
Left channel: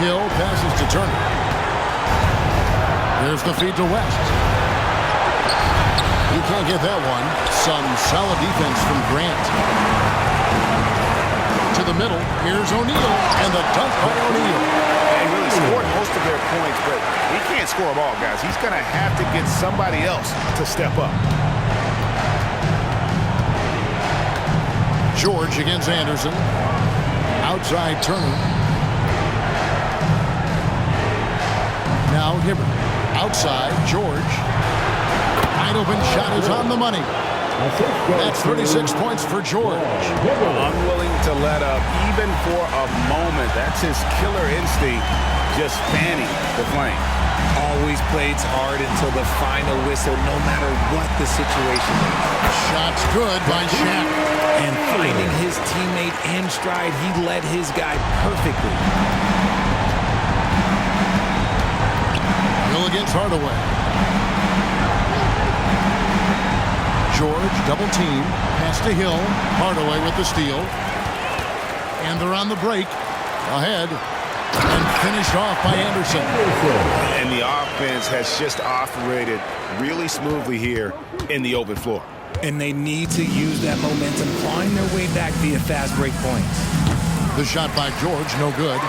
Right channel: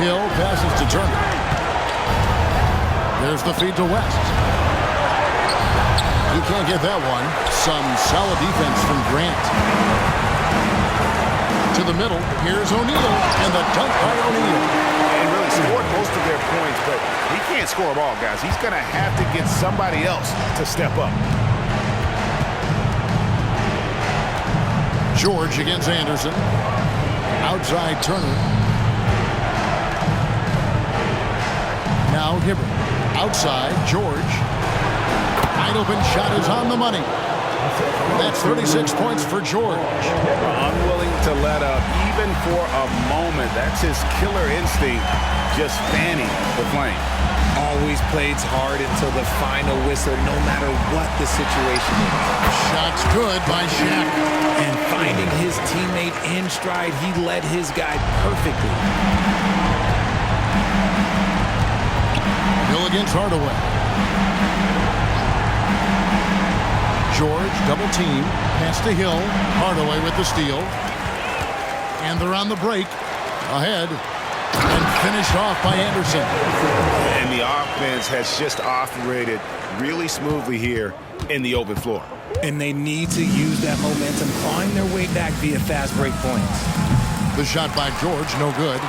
Hill passes to Turner. There's the feed to West. He can't get that one. Some solid defense from Grant. To the middle. Here's O'Neal. And the dunk by O'Neal. And really scored most of their points, but he can't score them all, guys. He's going to have to get somebody else to step up. George against Anderson. Outside Turner. Now Hibbert. Outside George. Wide open shot is on the money. That's 36 points for George. Unwilling to let up even for a moment. That's his killer instinct, just fanning the flame. Always plays hard until the final whistle, no matter what the situation is. Shot's good by Shaq. And finding his teammate in stride, he led his guy perfectly. Hill against Hardaway. George double team. Pass to Hill. Hardaway with the steal. And they're on the break. Ahead. And finished off by Anderson. And the offense has just operated really smoothly here in the open floor. And they need to use that momentum, clawing their way back via fast break points. The shot by George, no good.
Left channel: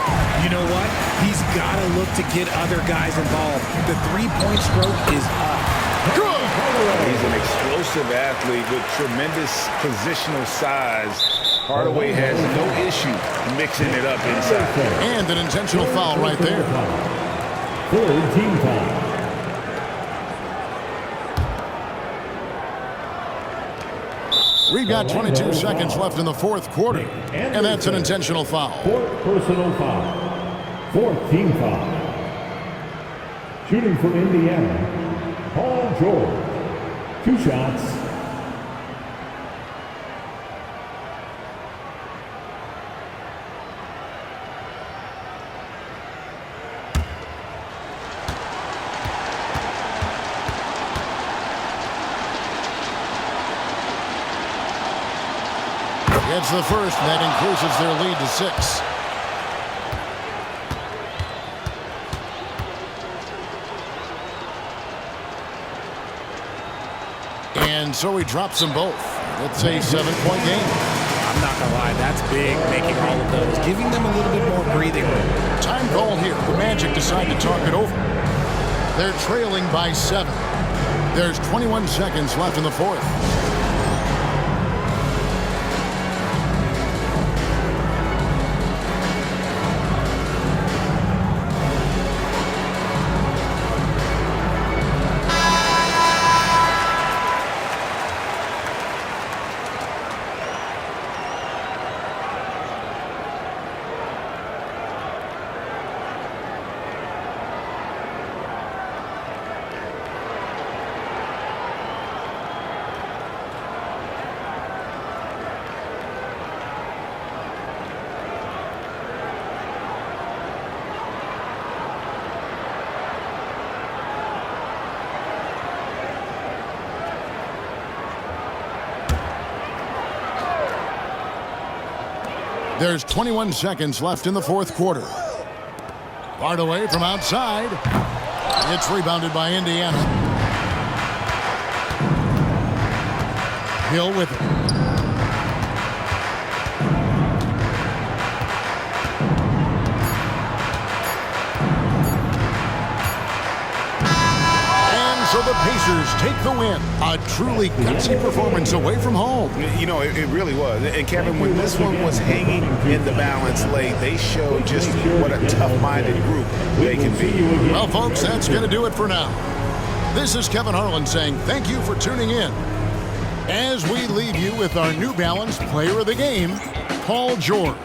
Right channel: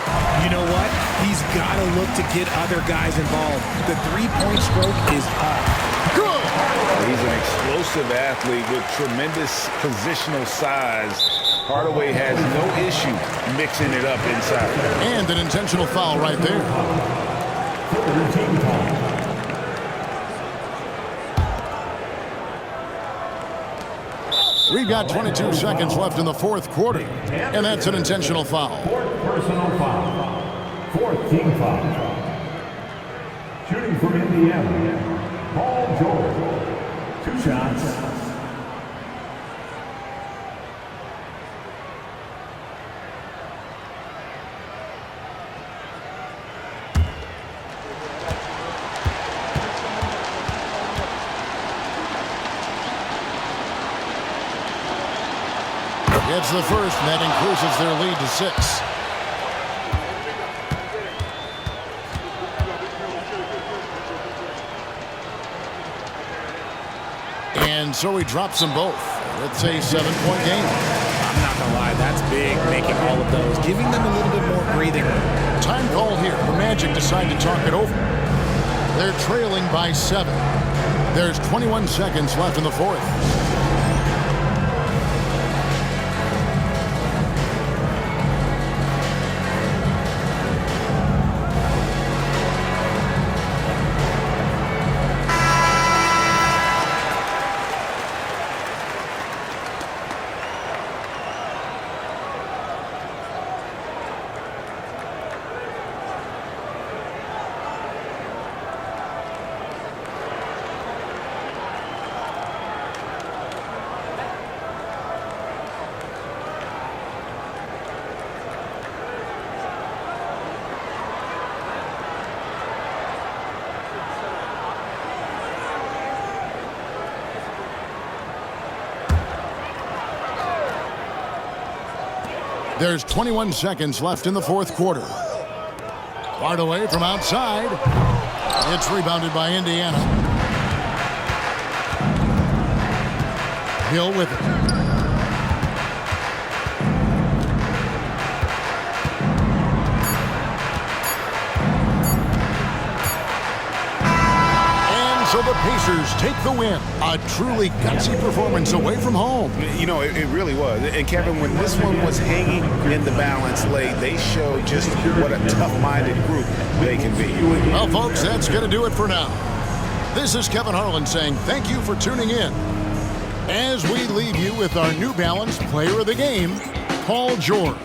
You know what? He's got to look to get other guys involved. The three-point stroke is off. Good! He's an explosive athlete with tremendous positional size. Hardaway has no issue mixing it up inside. And an intentional foul right there. Third team foul. We've got 22 seconds left in the fourth quarter. And that's an intentional foul. Fourth personal foul. Fourth team foul. Shooting for Indiana, Paul George. 2 shots. Gets the first, and that increases their lead to 6. And so he drops them both. It's a 7-point game. I'm not going to lie, that's big, making all of those, giving them a little bit more breathing room. Time called here. The Magic decide to talk it over. They're trailing by 7. There's 21 seconds left in the fourth. There's 21 seconds left in the fourth quarter. Hardaway from outside. It's rebounded by Indiana. Hill with it. And so the Pacers take the win. A truly gutsy performance away from home. You know, it really was. And Kevin, when this one was hanging in the balance late, they showed just what a tough-minded group they can be. Well, folks, that's going to do it for now. This is Kevin Harlan saying thank you for tuning in. As we leave you with our New Balance Player of the Game, Paul George.